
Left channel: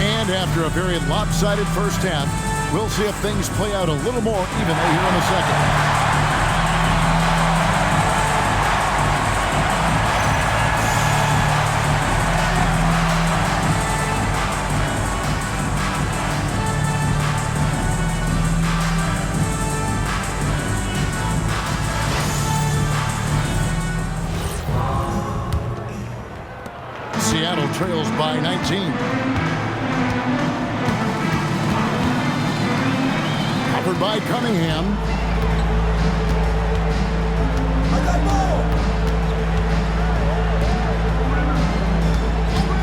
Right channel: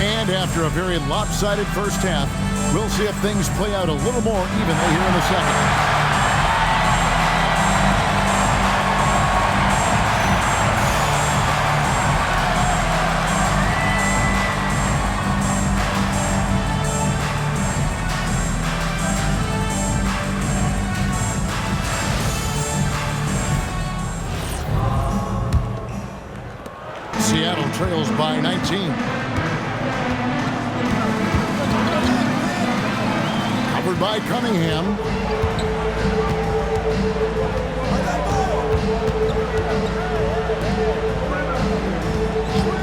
And after a very lopsided first half, we'll see if things play out a little more evenly here in the second. Seattle trails by 19. Covered by Cunningham.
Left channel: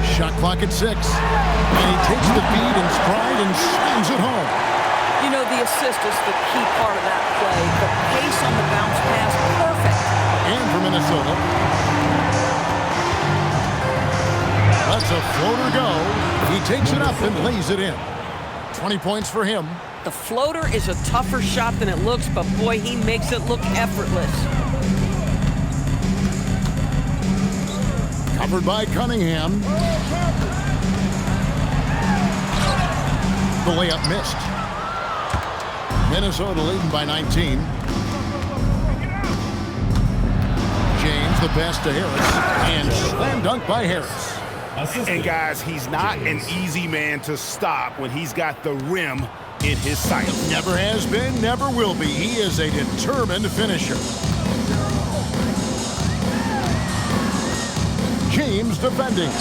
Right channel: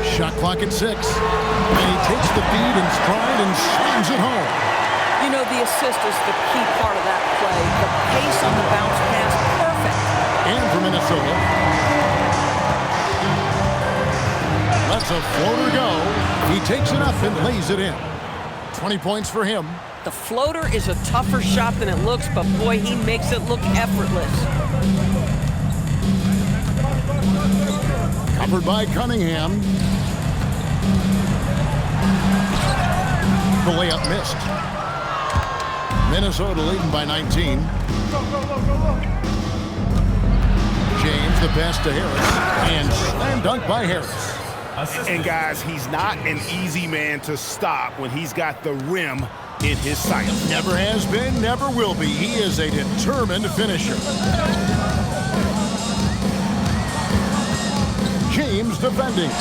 Shot clock at 6. And he takes the feed in stride and slams it home. You know, the assist is the key part of that play. The pace on the bounce pass, perfect. And for Minnesota, lets a floater go. He takes it up and lays it in. 20 points for him. The floater is a tougher shot than it looks, but boy, he makes it look effortless. Covered by Cunningham. The layup missed. Minnesota leading by 19. James, the pass to Harris. And slam dunk by Harris. And guys, he's not an easy man to stop when he's got the rim in his sight. Never has been, never will be. He is a determined finisher. James defending.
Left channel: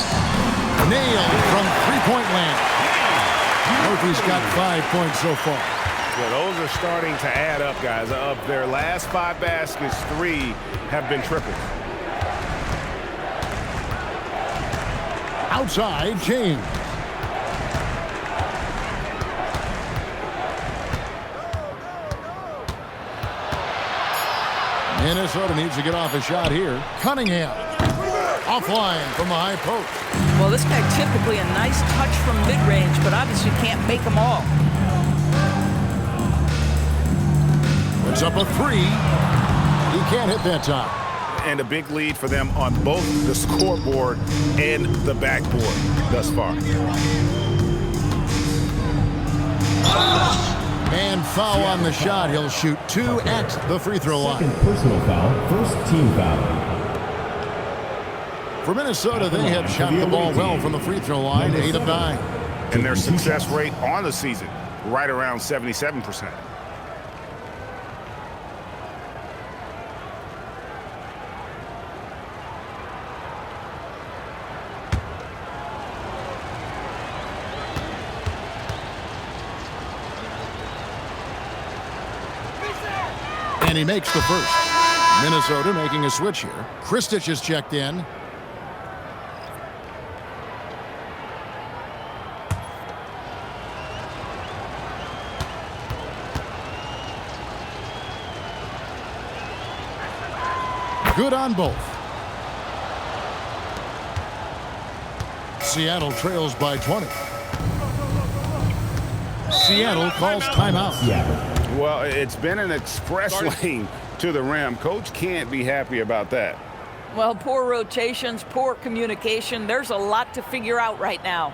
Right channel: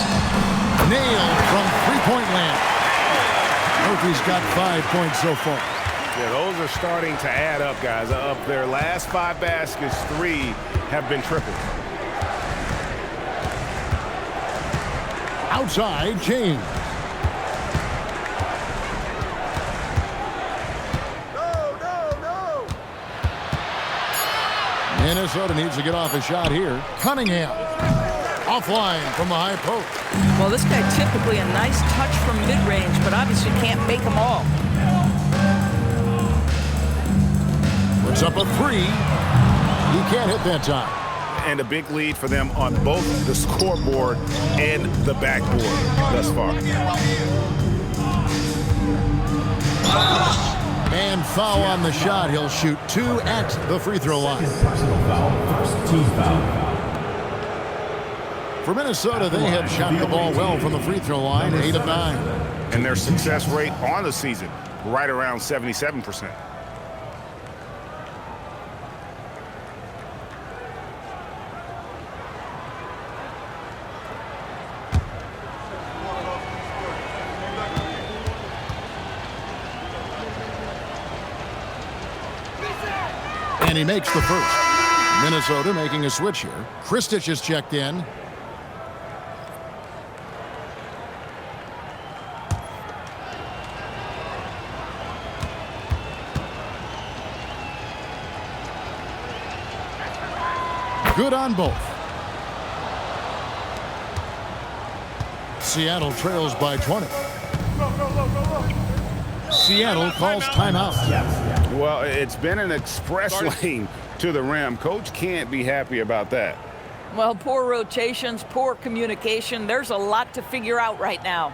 Nailed from three-point land. Murphy's got 5 points so far. Yeah, those are starting to add up, guys. Of their last 5 baskets, 3 have been triples. Outside, James. Minnesota needs to get off a shot here. Cunningham. Offline from the high post. Well, this guy typically a nice touch from mid-range, but obviously can't make them all. Puts up a 3. He can't hit that time. And a big lead for them on both the scoreboard and the backboard thus far. And foul on the shot. He'll shoot 2 at the free throw line. Second personal foul, first team foul. For Minnesota, they have shot the ball well from the free throw line, 8 of 9. And their success rate on the season, right around 77%. And he makes the first. Minnesota making a switch here. Kristich is checked in. Good on both. Seattle trails by 20. Seattle calls timeout. Well, it's been an express lane to the rim. Coach can't be happy about that. Well, poor rotations, poor communication. There's a lot to figure out right now.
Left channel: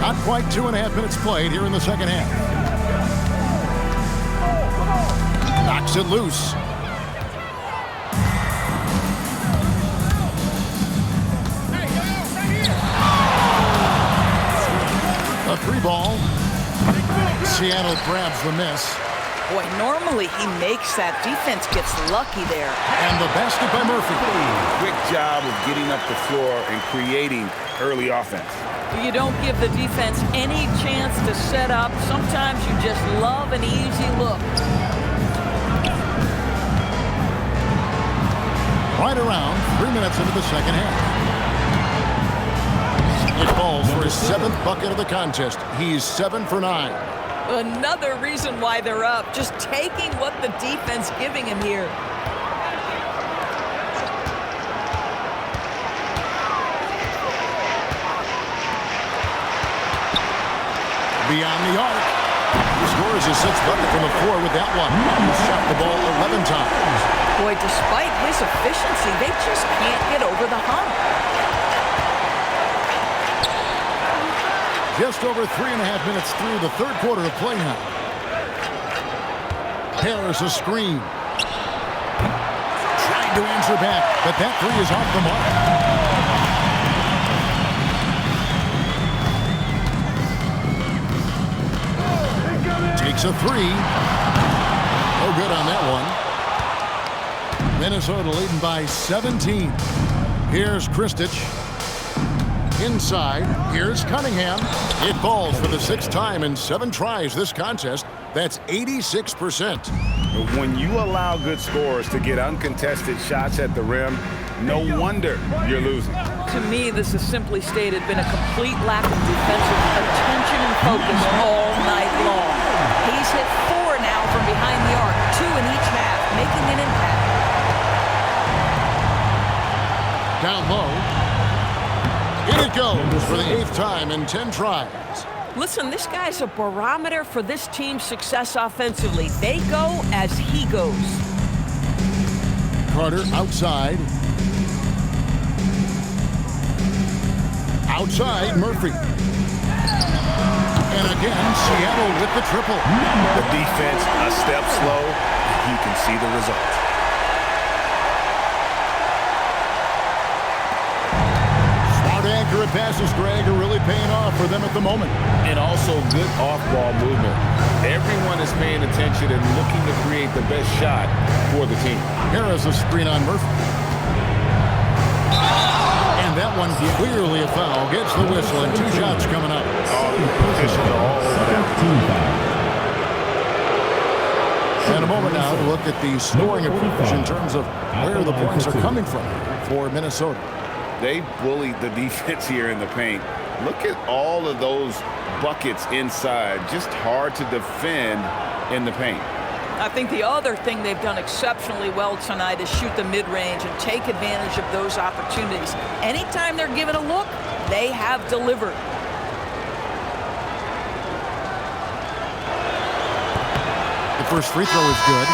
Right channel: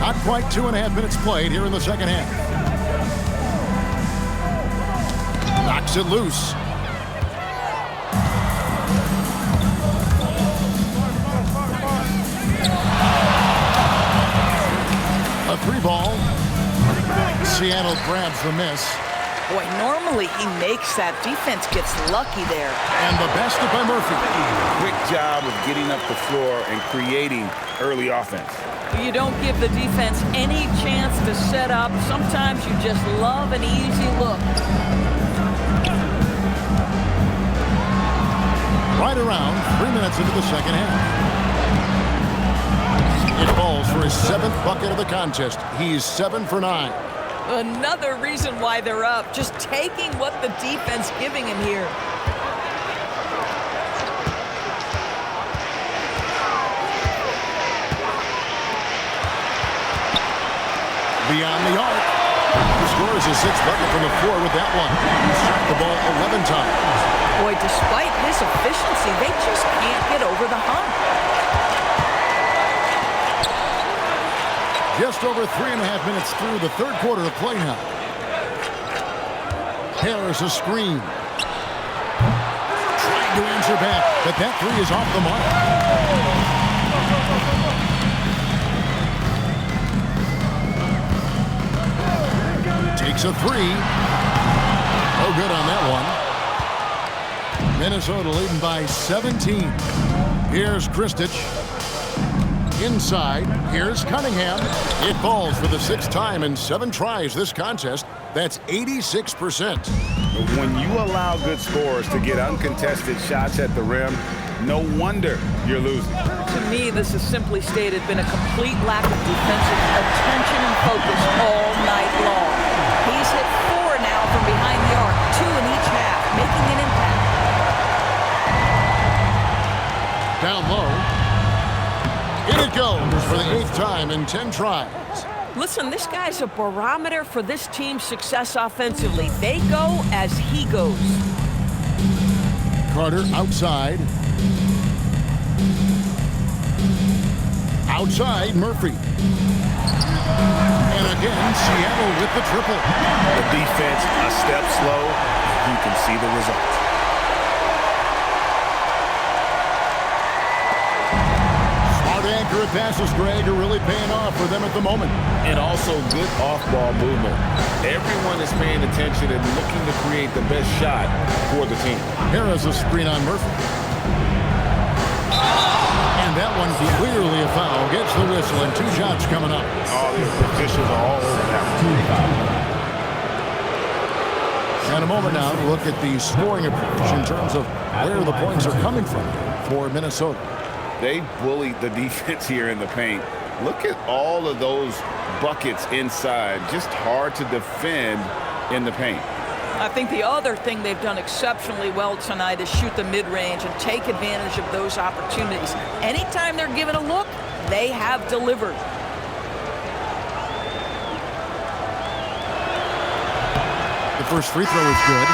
Not quite 2.5 minutes played here in the second half. Knocks it loose. A 3-ball. Seattle grabs the miss. Boy, normally he makes that. Defense gets lucky there. And the basket by Murphy. Quick job of getting up the floor and creating early offense. You don't give the defense any chance to set up. Sometimes you just love an easy look. Right around 3 minutes into the second half. It falls for his 7th bucket of the contest. He's 7 for 9. Another reason why they're up. Just taking what the defense giving him here. Beyond the arc. He scores his 6th bucket from the floor with that one. He's shot the ball 11 times. Boy, despite his efficiency, they just can't get over the hump. Just over 3.5 minutes through the third quarter of play now. There's a screen. Trying to answer back, but that three is off the mark. Takes a three. No good on that one. Minnesota leading by 17. Here's Kristich. Inside, here's Cunningham. It falls for the 6th time in 7 tries this contest. That's 86%. When you allow good scorers to get uncontested shots at the rim, no wonder you're losing. To me, this is simply stated been a complete lack of defensive attention and focus all night long. He's hit 4 now from behind the arc, 2 in each half, making an impact. Down low. In it goes for the 8th time in 10 tries. Listen, this guy's a barometer for this team's success offensively. They go as he goes. Carter outside. Outside, Murphy. And again, Seattle with the triple. The defense a step slow, and you can see the result. accurate passes, Greg, are really paying off for them at the moment. And also good off-ball movement. Everyone is paying attention and looking to create the best shot for the team. Here is a screen on Murphy. And that one clearly a foul. Gets the whistle and 2 shots coming up. Oh, the officials are all over that. And a moment now to look at the scoring approach in terms of where the points are coming from for Minnesota. They bullied the defense here in the paint. Look at all of those buckets inside. Just hard to defend in the paint. I think the other thing they've done exceptionally well tonight is shoot the mid-range and take advantage of those opportunities. Anytime they're given a look, they have delivered. The first free throw is good.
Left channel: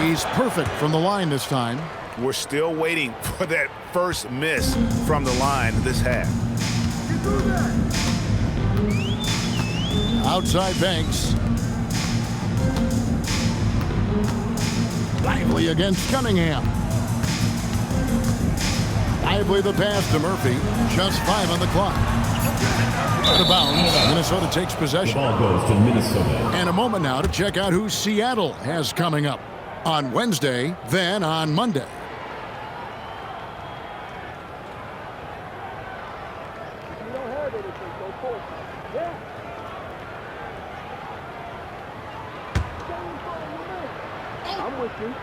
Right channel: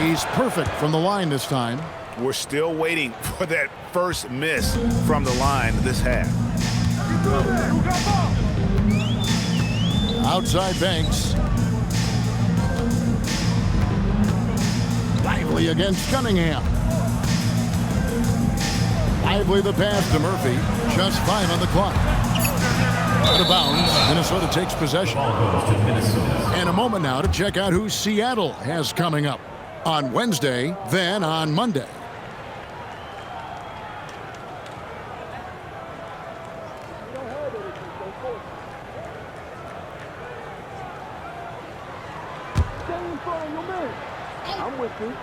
He's perfect from the line this time. We're still waiting for that first miss from the line this half. Outside Banks. Lively against Cunningham. Lively the pass to Murphy. Just 5 on the clock. Out of bounds. Minnesota takes possession. Ball goes to Minnesota. And a moment now to check out who Seattle has coming up on Wednesday, then on Monday. I'm with you.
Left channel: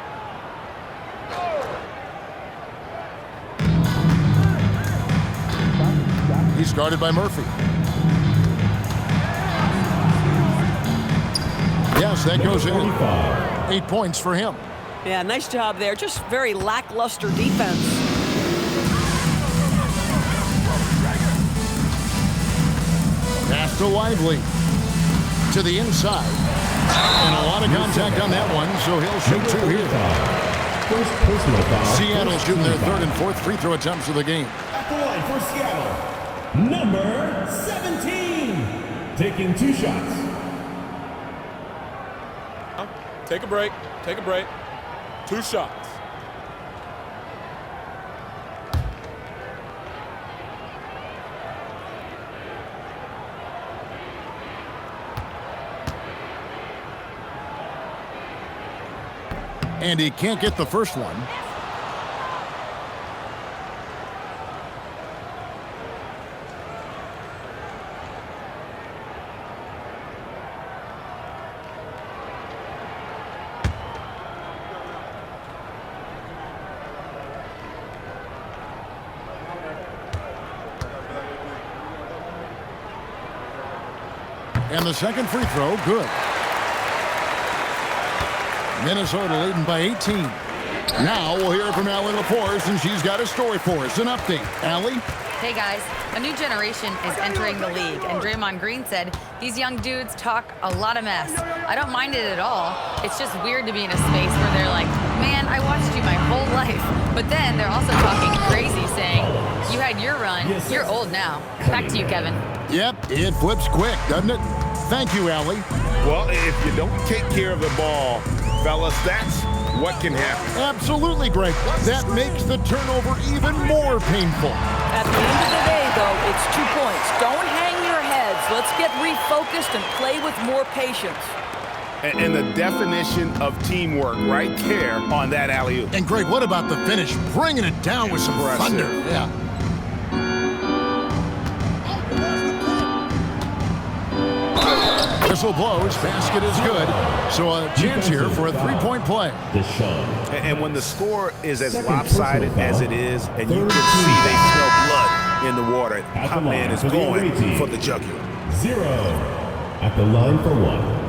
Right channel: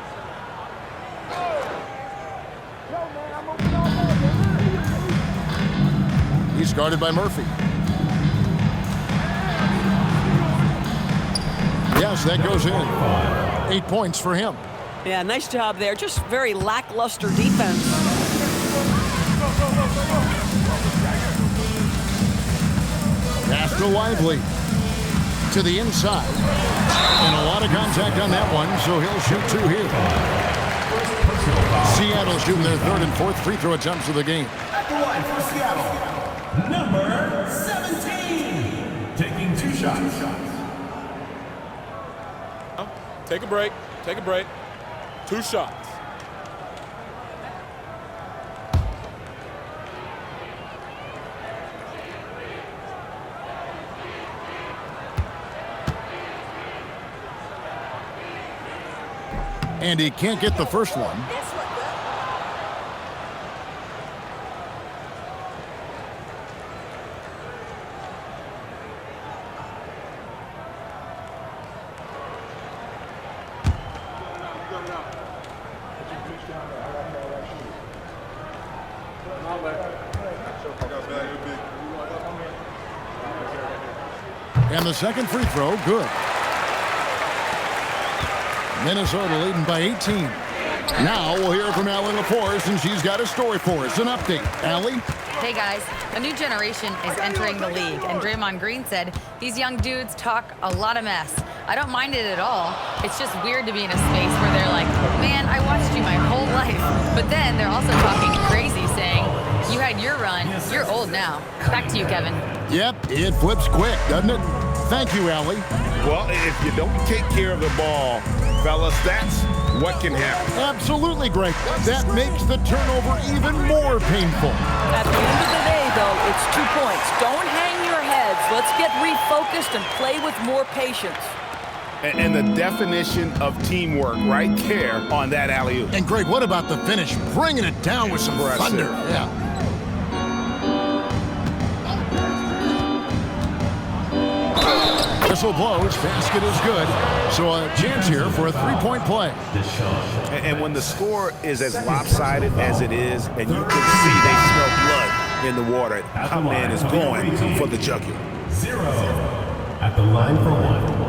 He's guarded by Murphy. Yes, that goes in. 8 points for him. Yeah, nice job there. Just very lackluster defense. Pass to Lively. To the inside. And a lot of contact on that one, so he'll shoot 2 here. First personal foul. Seattle shooting their 3rd and 4th free throw attempts of the game. At the line for Seattle, number 17. Taking 2 shots. Take a break. Take a break. 2 shots. And he can't get the first one. And the second free throw, good. Minnesota leading by 18. Now we'll hear from Allie LaForce, and she's got a story for us. An update. Allie? Hey guys, a new generation is entering the league, and Draymond Green said these young dudes talk a lot of mess. I don't mind it at all. It's just weird to be in a space where they're like, man, I watched you my whole life. But then they're also talking crazy, saying, you had your run, you're old now. Back to you, Kevin. Yep, it flips quick, doesn't it? Thank you, Allie. Well, if you don't take care of the ball, fellas, that's what can happen. Absolutely, Greg. That makes the turnover even more painful. At the end of the day, though, it's 2 points. Don't hang your heads. Let's get refocused and play with more patience. And the definition of teamwork right there on that alley-oop. And Greg, what about the finish? Bringing it down with some thunder. Yeah. Whistle blows, basket is good. So a chance here for a 3-point play. And when the score is as lopsided as it is, and you can see they smell blood in the water, my man is going for the jugular. 0 at the line for 1.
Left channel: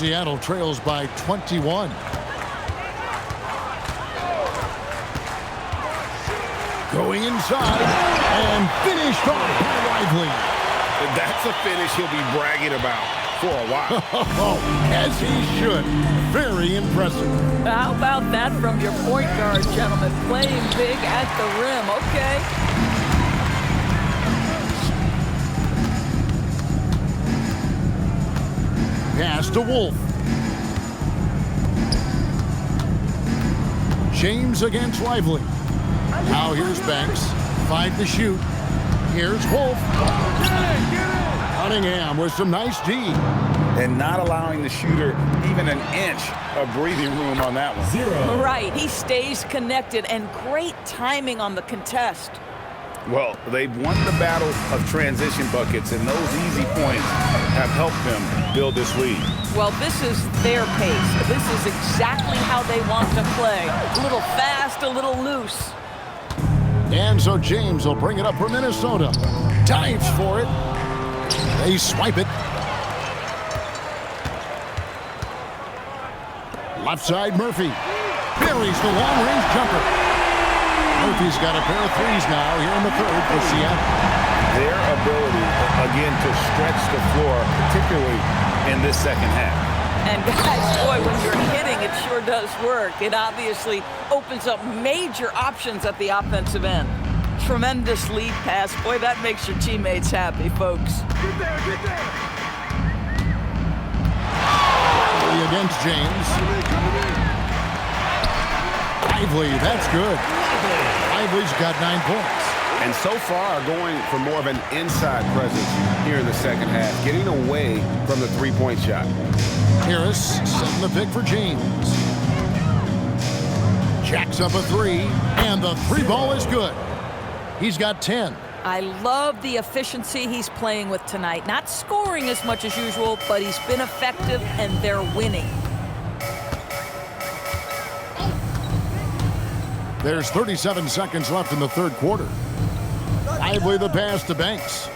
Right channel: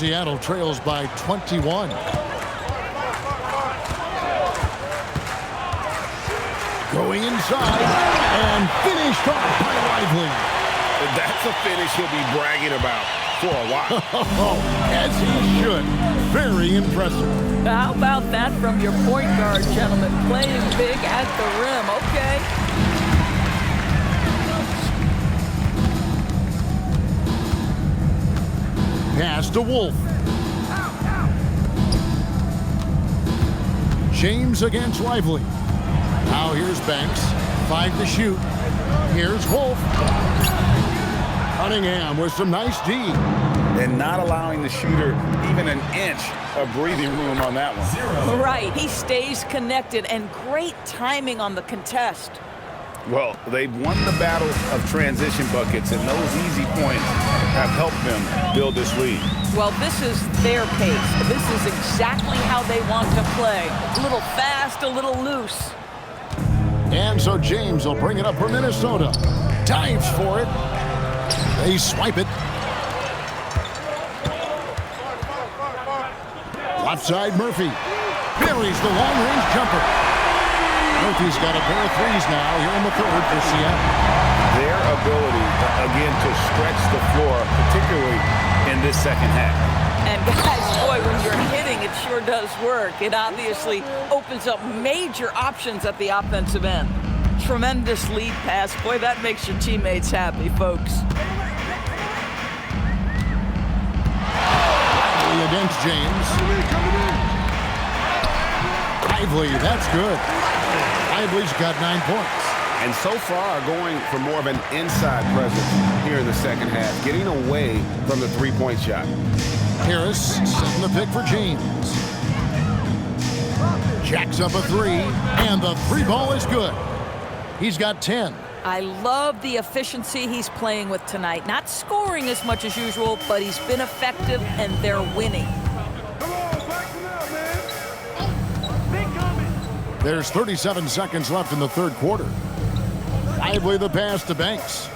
Seattle trails by 21. Going inside and finished off by Lively. That's a finish he'll be bragging about for a while. As he should. Very impressive. How about that from your point guard, gentlemen? Playing big at the rim. Okay. Pass to Wolf. James against Lively. Now here's Banks. 5 to shoot. Here's Wolf. Cunningham with some nice D. And not allowing the shooter even an inch of breathing room on that one. Right. He stays connected, and great timing on the contest. Well, they've won the battle of transition buckets, and those easy points have helped them build this lead. Well, this is their pace. This is exactly how they want to play. A little fast, a little loose. And so James will bring it up for Minnesota. Dives for it. They swipe it. Left side, Murphy. Buries the long-range jumper. Murphy's got a pair of threes now here in the third for Seattle. Their ability, again, to stretch the floor, particularly in this second half. And guys, boy, when you're hitting, it sure does work. It obviously opens up major options at the offensive end. Tremendous lead pass. Boy, that makes your teammates happy, folks. Lively against James. Lively, that's good. Lively's got 9 points. And so far, going for more of an inside presence here in the second half, getting away from the three-point shot. Harris setting the pick for James. Jacks up a 3, and the 3 ball is good. He's got 10. I love the efficiency he's playing with tonight. Not scoring as much as usual, but he's been effective, and they're winning. There's 37 seconds left in the third quarter. Lively the pass to Banks.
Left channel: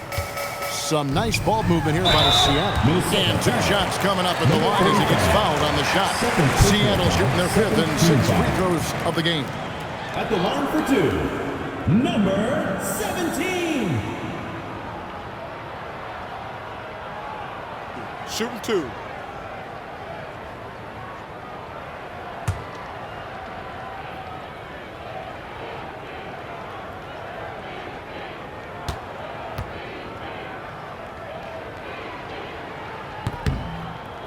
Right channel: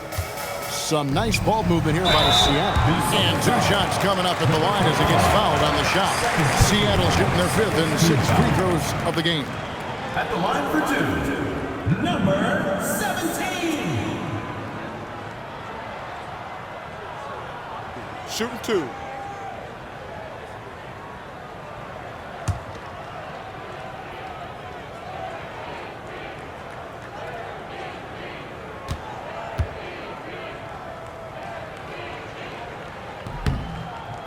Some nice ball movement here by Seattle. And 2 shots coming up at the line as he gets fouled on the shot. Seattle shooting their 5th and 6th free throws of the game. At the line for 2, number 17. Shooting 2.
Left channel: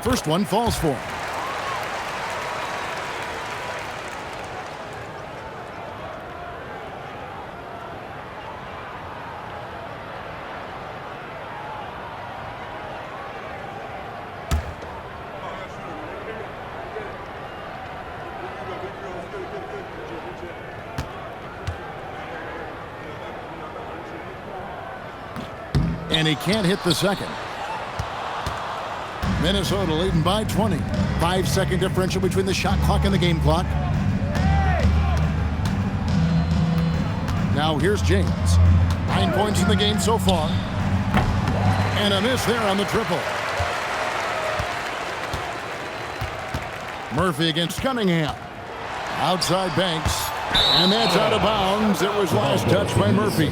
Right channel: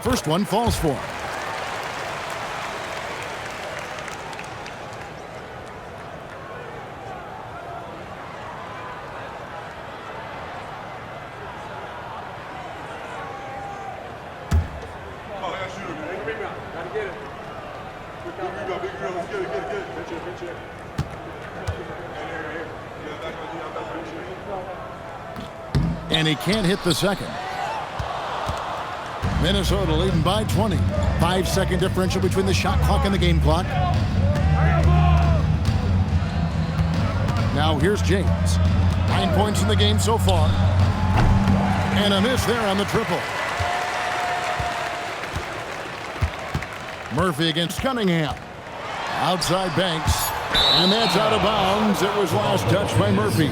First one falls for him. And he can't hit the second. Minnesota leading by 20. 5-second differential between the shot clock and the game clock. Now here's James. 9 points in the game so far. And a miss there on the triple. Murphy against Cunningham. Outside Banks. And that's out of bounds. It was last touched by Murphy.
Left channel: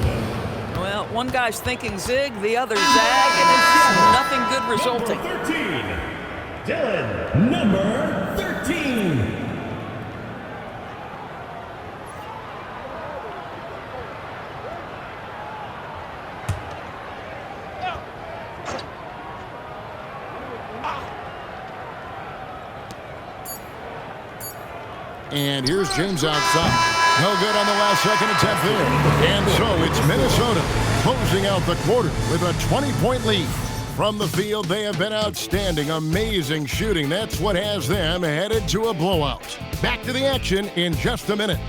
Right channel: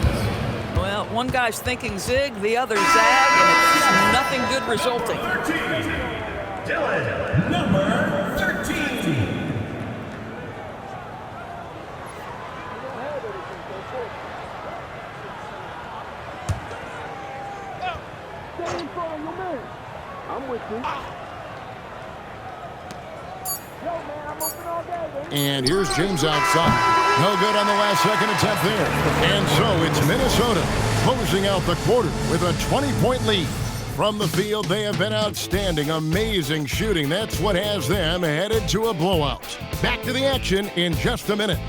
Well, one guy's thinking zig, the other zag, and it's nothing good resulting. 13. Dylan, number 13. And here's James outside. No good on the last second attempt there. And so it's Minnesota closing out the quarter with a 20-point lead. From the field, they have been outstanding. Amazing shooting. That's what has them headed to a blowout. Back to the action in just a minute.